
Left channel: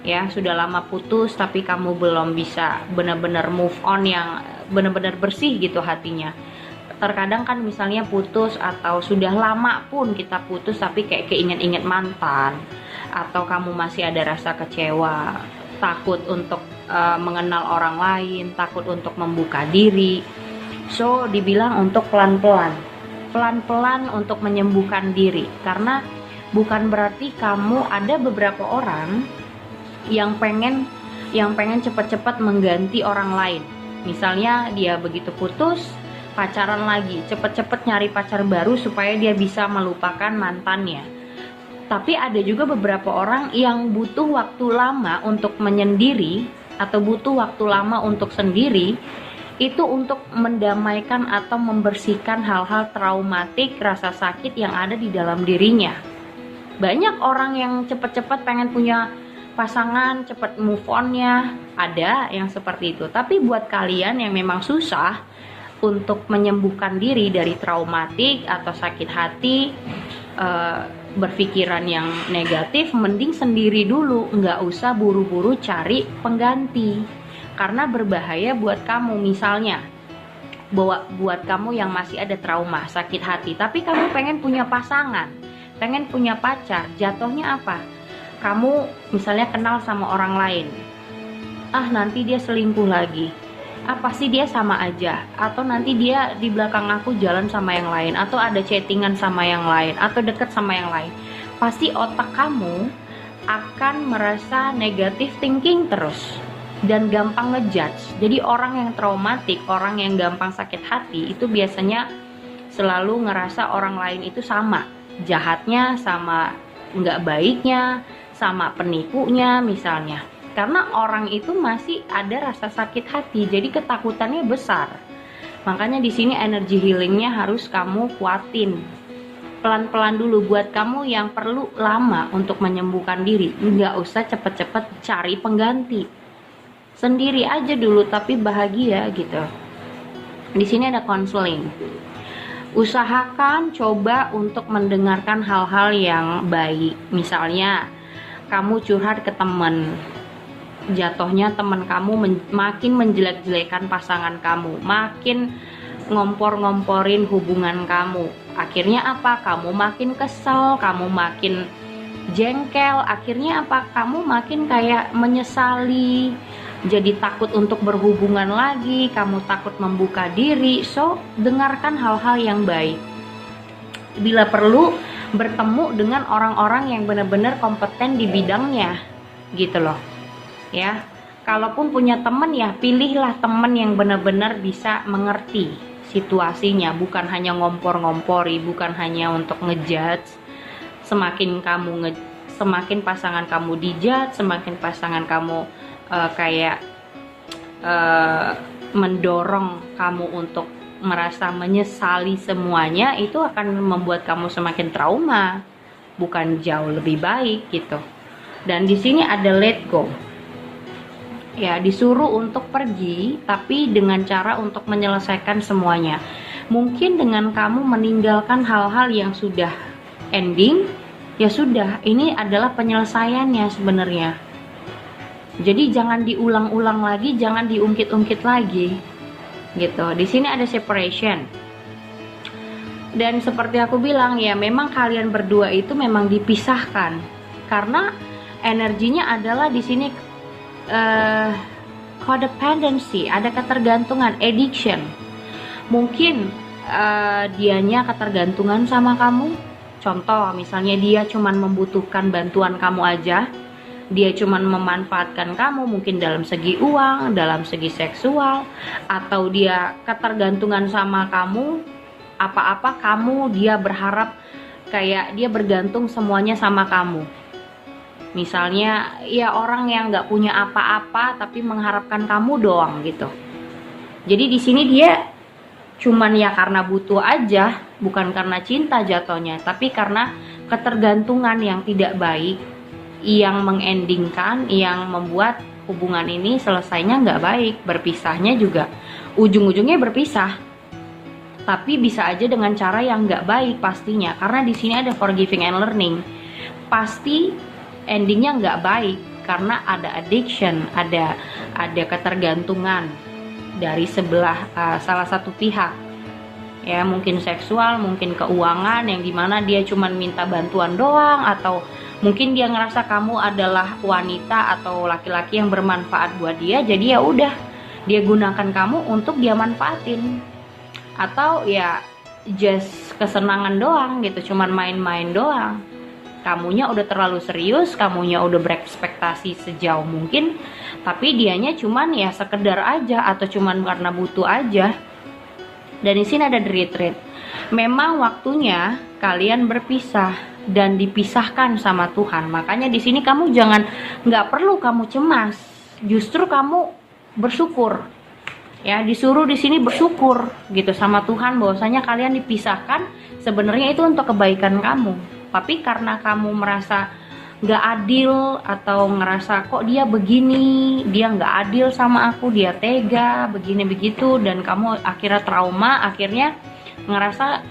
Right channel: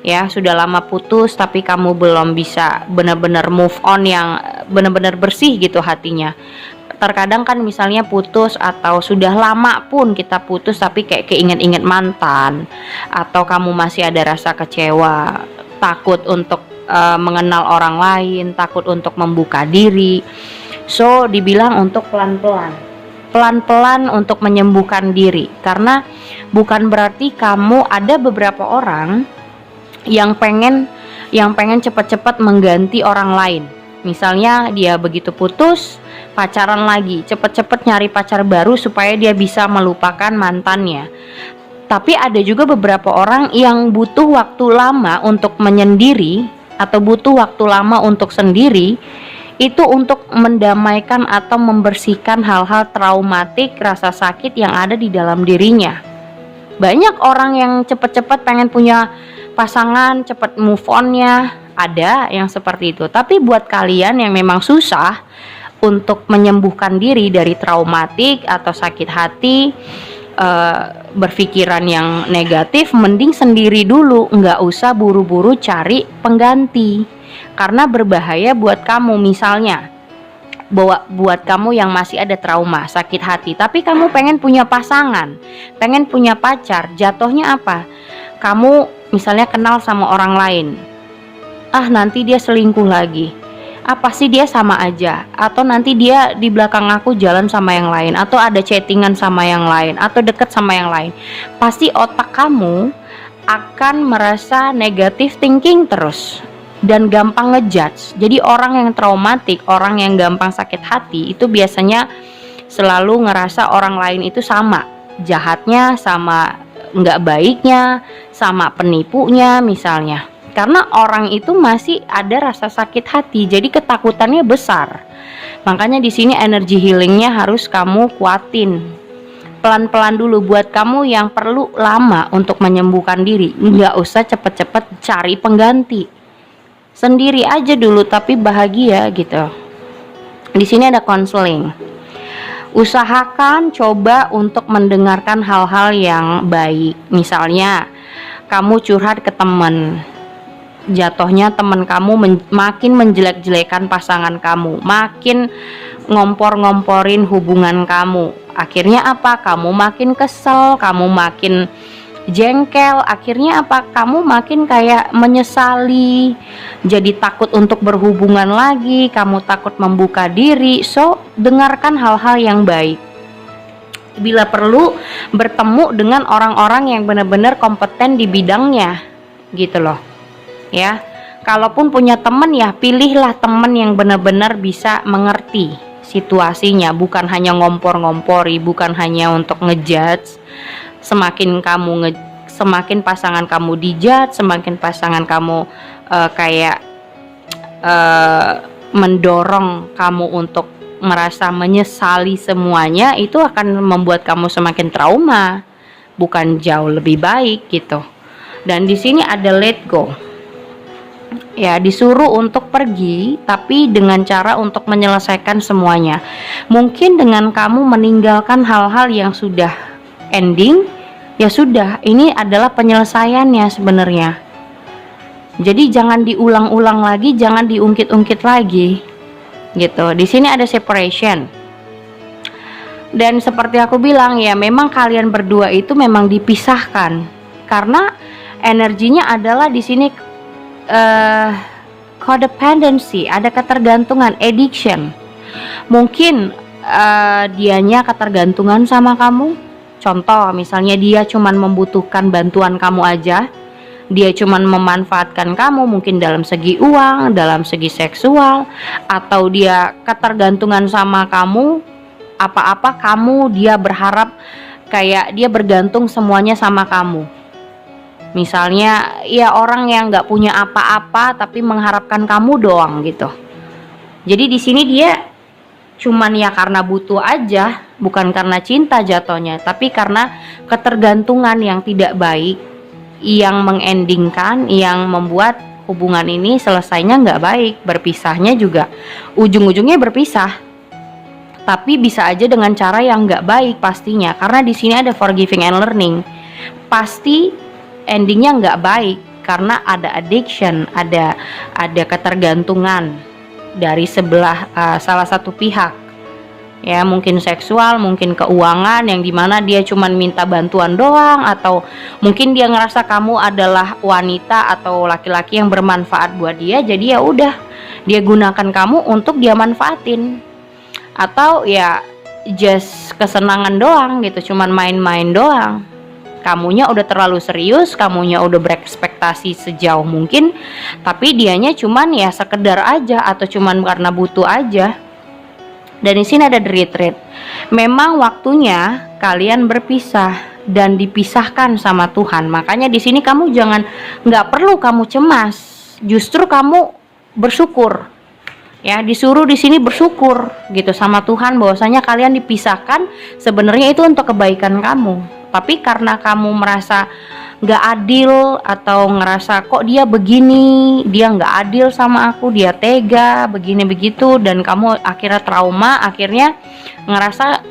ya sudah lama putus tapi kamu belum bisa benar-benar move on yang benar-benar bersih gitu hatinya. Terkadang kan misalnya putus atau sudah lama pun kita putus tapi kayak keinget-inget mantan, atau kamu masih ada rasa kecewa, takut untuk mengenal orang lain, takut untuk membuka diri. So dibilang untuk pelan-pelan untuk menyembuhkan diri, karena bukan berarti kamu, ada beberapa orang yang pengen cepat-cepat mengganti orang lain. Misalnya dia begitu putus, pacaran lagi, cepet-cepet nyari pacar baru supaya dia bisa melupakan mantannya. Tapi ada juga beberapa orang yang butuh waktu lama untuk menyendiri, atau butuh waktu lama untuk sendiri, itu untuk mendamaikan atau membersihkan hal-hal traumatik, rasa sakit yang ada di dalam dirinya. Banyak orang yang cepet-cepet pengen punya pasangan cepet move onnya, ada yang seperti itu. Tapi buat kalian yang memang susah untuk menyembuhkan diri dari traumatik atau sakit hati, berpikiran yang negatif, mending sendiri dulu, nggak usah buru-buru cari pengganti, karena berbahaya buat kamu. Misalnya buat kamu yang masih ada trauma sakit hati, tapi kamu pengen punya pasangan, pengen punya pacar, jatuhnya apa? Kamu misalnya kenal sama orang lain, nanti dia selingkuh lagi, apa sih dia sama aja, atau nanti dia di belakang aku jalan sama yang lain, atau ada chattingan sama yang lain, atau deket sama yang lain, pasti otak kamu akan merasa negatif thinking terus dan gampang ngejudge. Jadi orang yang traumatik, orang yang gampang sakit hati itu biasanya selalu ngerasa orang lain itu sama jahatnya, sama nggak baiknya, sama penipunya misalnya. Karena orang itu masih ada rasa sakit hati, jadi ketakutannya besar. Makanya di sini energi healingnya harus kamu kuatin. Pelan-pelan dulu buat kamu yang perlu lama untuk menyembuhkan diri. Nggak usah cepet-cepet cari pengganti. Sendiri aja dulu tapi bahagia gitu. Di sini ada konseling. Usahakan coba untuk mendengarkan hal-hal yang baik. Misalnya kamu curhat ke teman, jatuhnya teman kamu makin menjelek-jelekan pasangan kamu, makin ngompor-ngomporin hubungan kamu. Akhirnya apa? Kamu makin kesel, kamu makin jengkel. Akhirnya apa? Kamu makin kayak menyesali, jadi takut untuk berhubungan lagi, kamu takut membuka diri. So, dengarkan hal-hal yang baik. Bila perlu, bertemu dengan orang-orang yang benar-benar kompeten di bidangnya, gitu loh. Ya, kalaupun punya teman ya pilihlah teman yang benar-benar bisa mengerti situasinya, bukan hanya ngompor-ngompori, bukan hanya untuk ngejudge. Semakin pasangan kamu dijudge, semakin pasangan kamu mendorong kamu untuk merasa menyesali semuanya, itu akan membuat kamu semakin trauma, bukan jauh lebih baik gitu. Dan di sini ada let go. Ya, disuruh untuk pergi, tapi dengan cara untuk menyelesaikan semuanya. Mungkin dengan kamu meninggalkan hal-hal yang sudah ending, ya sudah, ini adalah penyelesaiannya sebenarnya. Jadi jangan diulang-ulang lagi, jangan diungkit-ungkit lagi, gitu. Di sini ada separation. Dan seperti aku bilang ya, memang kalian berdua itu memang dipisahkan karena energinya adalah di sini codependency, ada ketergantungan, addiction. Mungkin dianya ketergantungan sama kamu. Contoh, misalnya dia cuman membutuhkan bantuan kamu aja, dia cuman memanfaatkan kamu mungkin dalam segi uang, dalam segi seksual, atau dia ketergantungan sama kamu, apa-apa kamu dia berharap kayak dia bergantung semuanya sama kamu. Misalnya ya orang yang nggak punya apa-apa tapi mengharapkan kamu doang gitu. Jadi di sini dia cuman ya karena butuh aja, bukan karena cinta jatuhnya, tapi karena ketergantungan yang tidak baik, yang mengendingkan, yang membuat hubungan ini selesainya nggak baik, berpisahnya juga ujung-ujungnya berpisah. Tapi bisa aja dengan cara yang nggak baik pastinya, karena di sini ada forgiving and learning. Pasti endingnya nggak baik karena ada addiction, ada ketergantungan dari salah satu pihak. Ya, mungkin seksual, mungkin keuangan, yang dimana dia cuman minta bantuan doang, atau mungkin dia ngerasa kamu adalah wanita atau laki-laki yang bermanfaat buat dia, jadi ya udah dia gunakan kamu untuk dia manfaatin, atau ya just kesenangan doang gitu, cuman main-main doang. Kamunya udah terlalu serius, kamunya udah berekspektasi sejauh mungkin, tapi dianya cuman ya sekedar aja, atau cuman karena butuh aja. Dan di sini ada the retreat. Memang waktunya kalian berpisah dan dipisahkan sama Tuhan. Makanya di sini kamu nggak perlu kamu cemas, justru kamu bersyukur. Ya, disuruh di sini bersyukur gitu sama Tuhan bahwasanya kalian dipisahkan, sebenarnya itu untuk kebaikan kamu. Tapi karena kamu merasa nggak adil, atau ngerasa kok dia begini, dia nggak adil sama aku, dia tega begini begitu, dan kamu akhirnya trauma, akhirnya ngerasa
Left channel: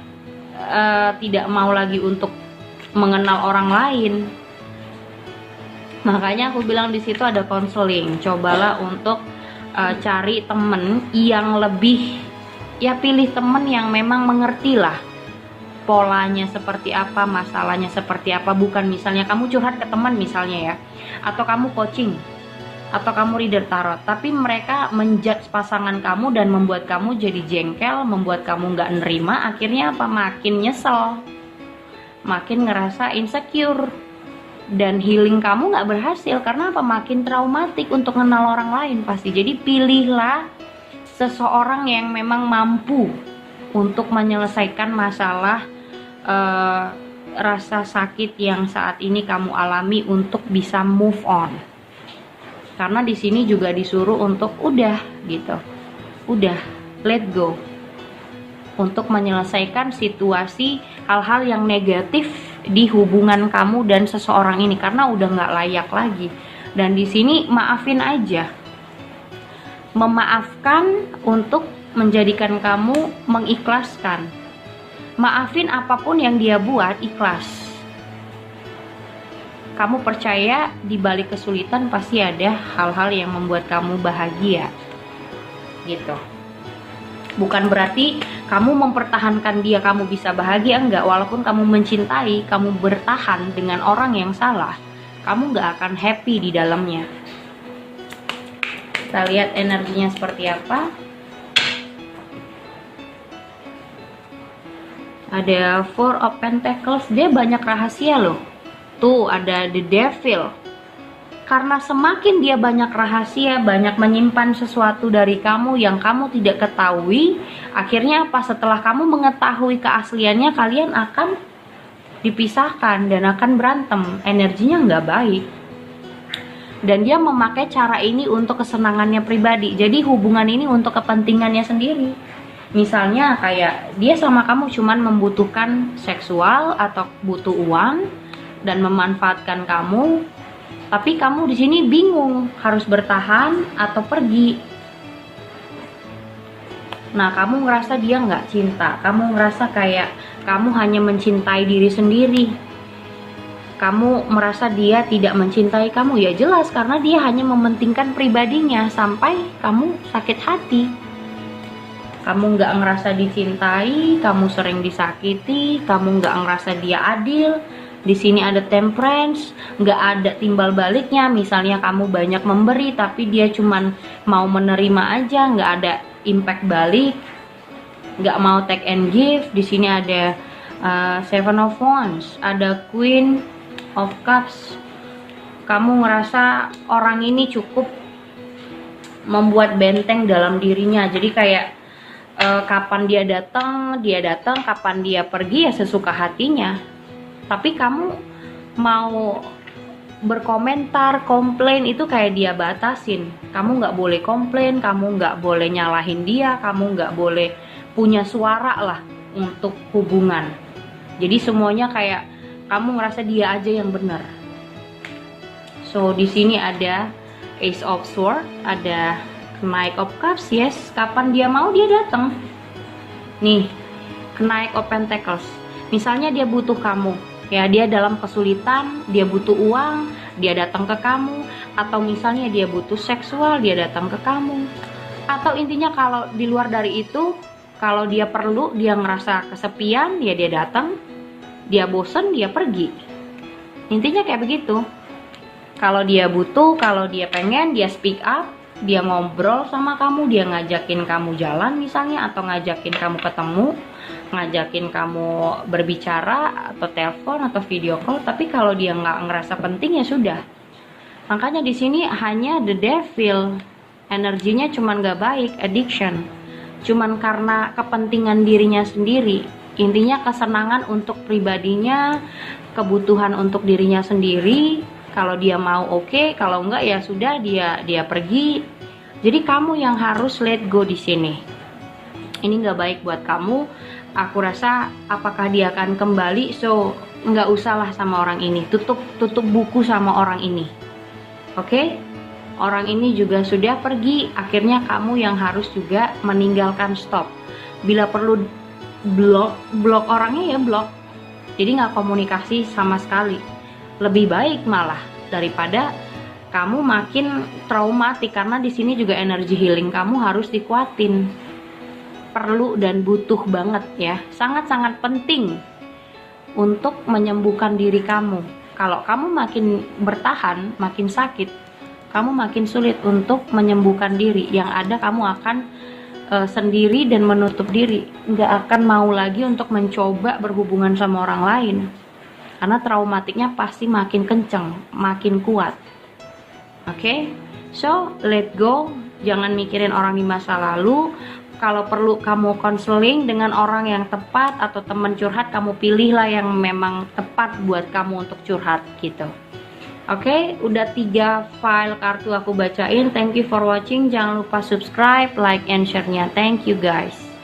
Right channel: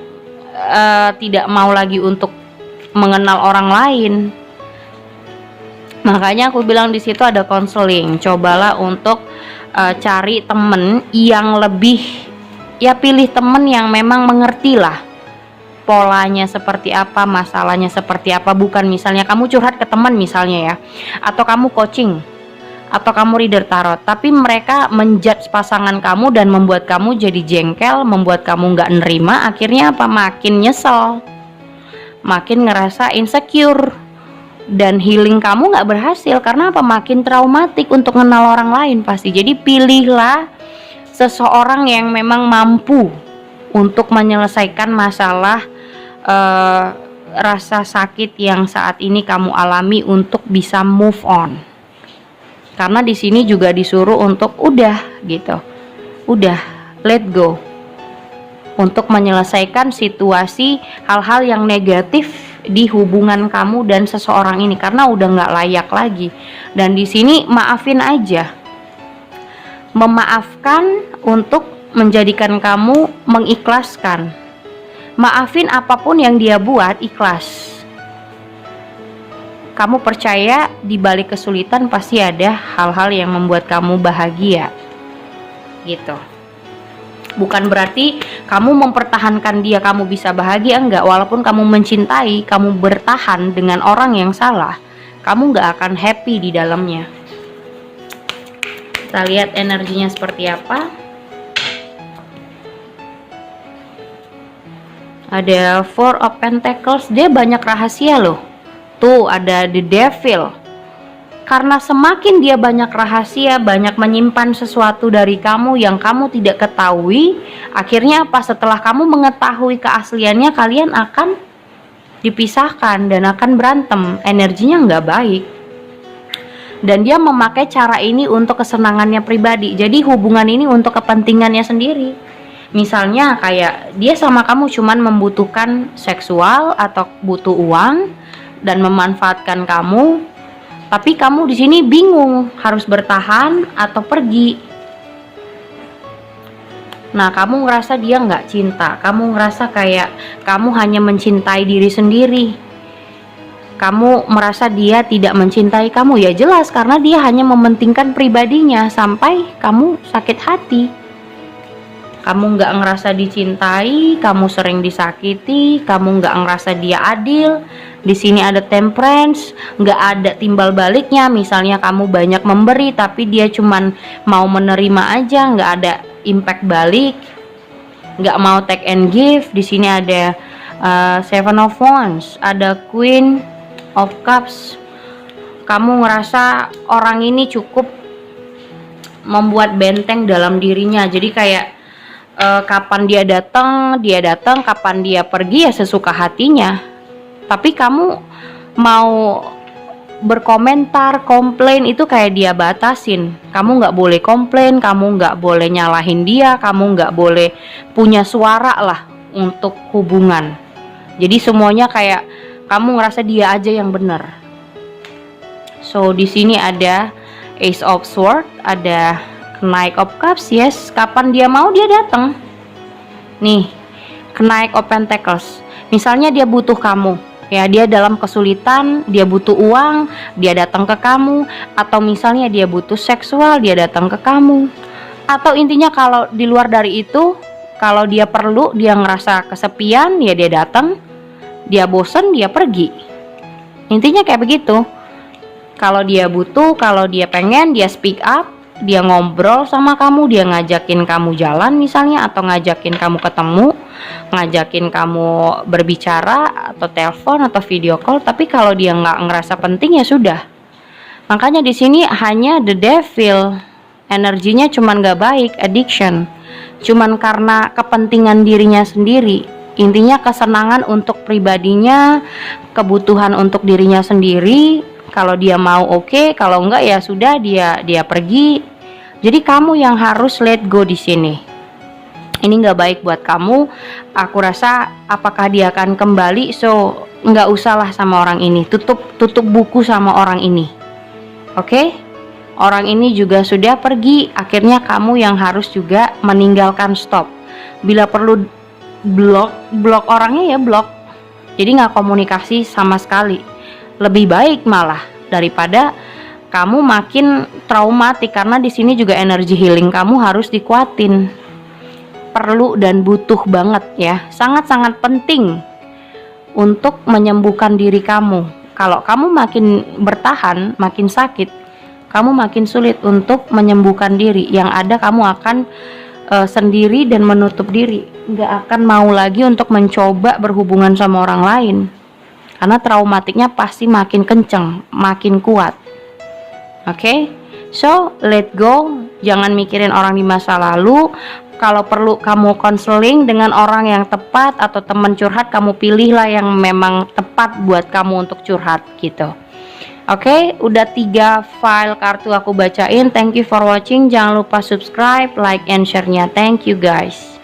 tidak mau lagi untuk mengenal orang lain. Makanya aku bilang di situ ada konseling. Cobalah untuk cari temen yang lebih, ya pilih temen yang memang mengerti lah polanya seperti apa, masalahnya seperti apa. Bukan misalnya kamu curhat ke teman misalnya ya, atau kamu coaching, atau kamu reader tarot, tapi mereka menjudge pasangan kamu dan membuat kamu jadi jengkel, membuat kamu nggak nerima. Akhirnya apa? Makin nyesel, makin ngerasa insecure, dan healing kamu nggak berhasil. Karena apa? Makin traumatik untuk kenal orang lain pasti. Jadi pilihlah seseorang yang memang mampu untuk menyelesaikan masalah rasa sakit yang saat ini kamu alami, untuk bisa move on. Karena di sini juga disuruh untuk udah gitu, udah let go, untuk menyelesaikan situasi hal-hal yang negatif di hubungan kamu dan seseorang ini, karena udah nggak layak lagi. Dan di sini maafin aja, memaafkan untuk menjadikan kamu mengikhlaskan. Maafin apapun yang dia buat, ikhlas. Kamu percaya di balik kesulitan pasti ada hal-hal yang membuat kamu bahagia. Gitu. Bukan berarti kamu mempertahankan dia kamu bisa bahagia, enggak. Walaupun kamu mencintai, kamu bertahan dengan orang yang salah, kamu enggak akan happy di dalamnya. Kita lihat energinya seperti apa. Ada Four of Pentacles, dia banyak rahasia loh. Tuh ada The Devil. Karena semakin dia banyak rahasia, banyak menyimpan sesuatu dari kamu yang kamu tidak ketahui, akhirnya apa? Setelah kamu mengetahui keasliannya, kalian akan dipisahkan dan akan berantem. Energinya nggak baik. Dan dia memakai cara ini untuk kesenangannya pribadi. Jadi hubungan ini untuk kepentingannya sendiri. Misalnya kayak dia sama kamu cuman membutuhkan seksual atau butuh uang dan memanfaatkan kamu, tapi kamu di sini bingung harus bertahan atau pergi. Nah, kamu ngerasa dia nggak cinta, kamu ngerasa kayak kamu hanya mencintai diri sendiri. Kamu merasa dia tidak mencintai kamu, ya jelas karena dia hanya mementingkan pribadinya sampai kamu sakit hati. Kamu nggak ngerasa dicintai, kamu sering disakiti, kamu nggak ngerasa dia adil. Di sini ada Temperance, nggak ada timbal baliknya. Misalnya kamu banyak memberi, tapi dia cuman mau menerima aja, nggak ada impact balik, nggak mau take and give. Di sini ada Seven of Wands, ada Queen of Cups. Kamu ngerasa orang ini cukup membuat benteng dalam dirinya. Jadi kayak kapan dia datang, kapan dia pergi ya sesuka hatinya. Tapi kamu mau berkomentar, komplain itu kayak dia batasin. Kamu nggak boleh komplain, kamu nggak boleh nyalahin dia, kamu nggak boleh punya suara lah untuk hubungan. Jadi semuanya kayak kamu ngerasa dia aja yang benar. So di sini ada Ace of Swords, ada Knight of Cups, yes, kapan dia mau dia datang. Nih, Knight of Pentacles. Misalnya dia butuh kamu, ya dia dalam kesulitan, dia butuh uang, dia datang ke kamu. Atau misalnya dia butuh seksual, dia datang ke kamu. Atau intinya kalau di luar dari itu, kalau dia perlu, dia ngerasa kesepian, ya dia datang. Dia bosen, dia pergi. Intinya kayak begitu. Kalau dia butuh, kalau dia pengen, dia speak up. Dia ngobrol sama kamu, dia ngajakin kamu jalan misalnya, atau ngajakin kamu ketemu, ngajakin kamu berbicara atau telepon atau video call. Tapi kalau dia nggak ngerasa penting ya sudah. Makanya di sini hanya The Devil, energinya cuman nggak baik, addiction, cuman karena kepentingan dirinya sendiri. Intinya kesenangan untuk pribadinya, kebutuhan untuk dirinya sendiri. Kalau dia mau oke, kalau enggak ya sudah, dia pergi. Jadi kamu yang harus let go di sini. Ini nggak baik buat kamu. Aku rasa apakah dia akan kembali? So nggak usahlah sama orang ini, tutup buku sama orang ini. Oke? Orang ini juga sudah pergi, akhirnya kamu yang harus juga meninggalkan, stop. Bila perlu blok orangnya ya blok. Jadi nggak komunikasi sama sekali. Lebih baik malah daripada kamu makin traumatik, karena di sini juga energi healing kamu harus dikuatin. Perlu dan butuh banget ya, sangat-sangat penting untuk menyembuhkan diri kamu. Kalau kamu makin bertahan, makin sakit, kamu makin sulit untuk menyembuhkan diri. Yang ada kamu akan sendiri dan menutup diri, nggak akan mau lagi untuk mencoba berhubungan sama orang lain, karena traumatiknya pasti makin kenceng, makin kuat. Oke? So, let go, jangan mikirin orang di masa lalu. Kalau perlu kamu konseling dengan orang yang tepat atau teman curhat, kamu pilihlah yang memang tepat buat kamu untuk curhat gitu. Oke, udah 3 file kartu aku bacain. Thank you for watching. Jangan lupa subscribe, like, and share-nya. Thank you guys.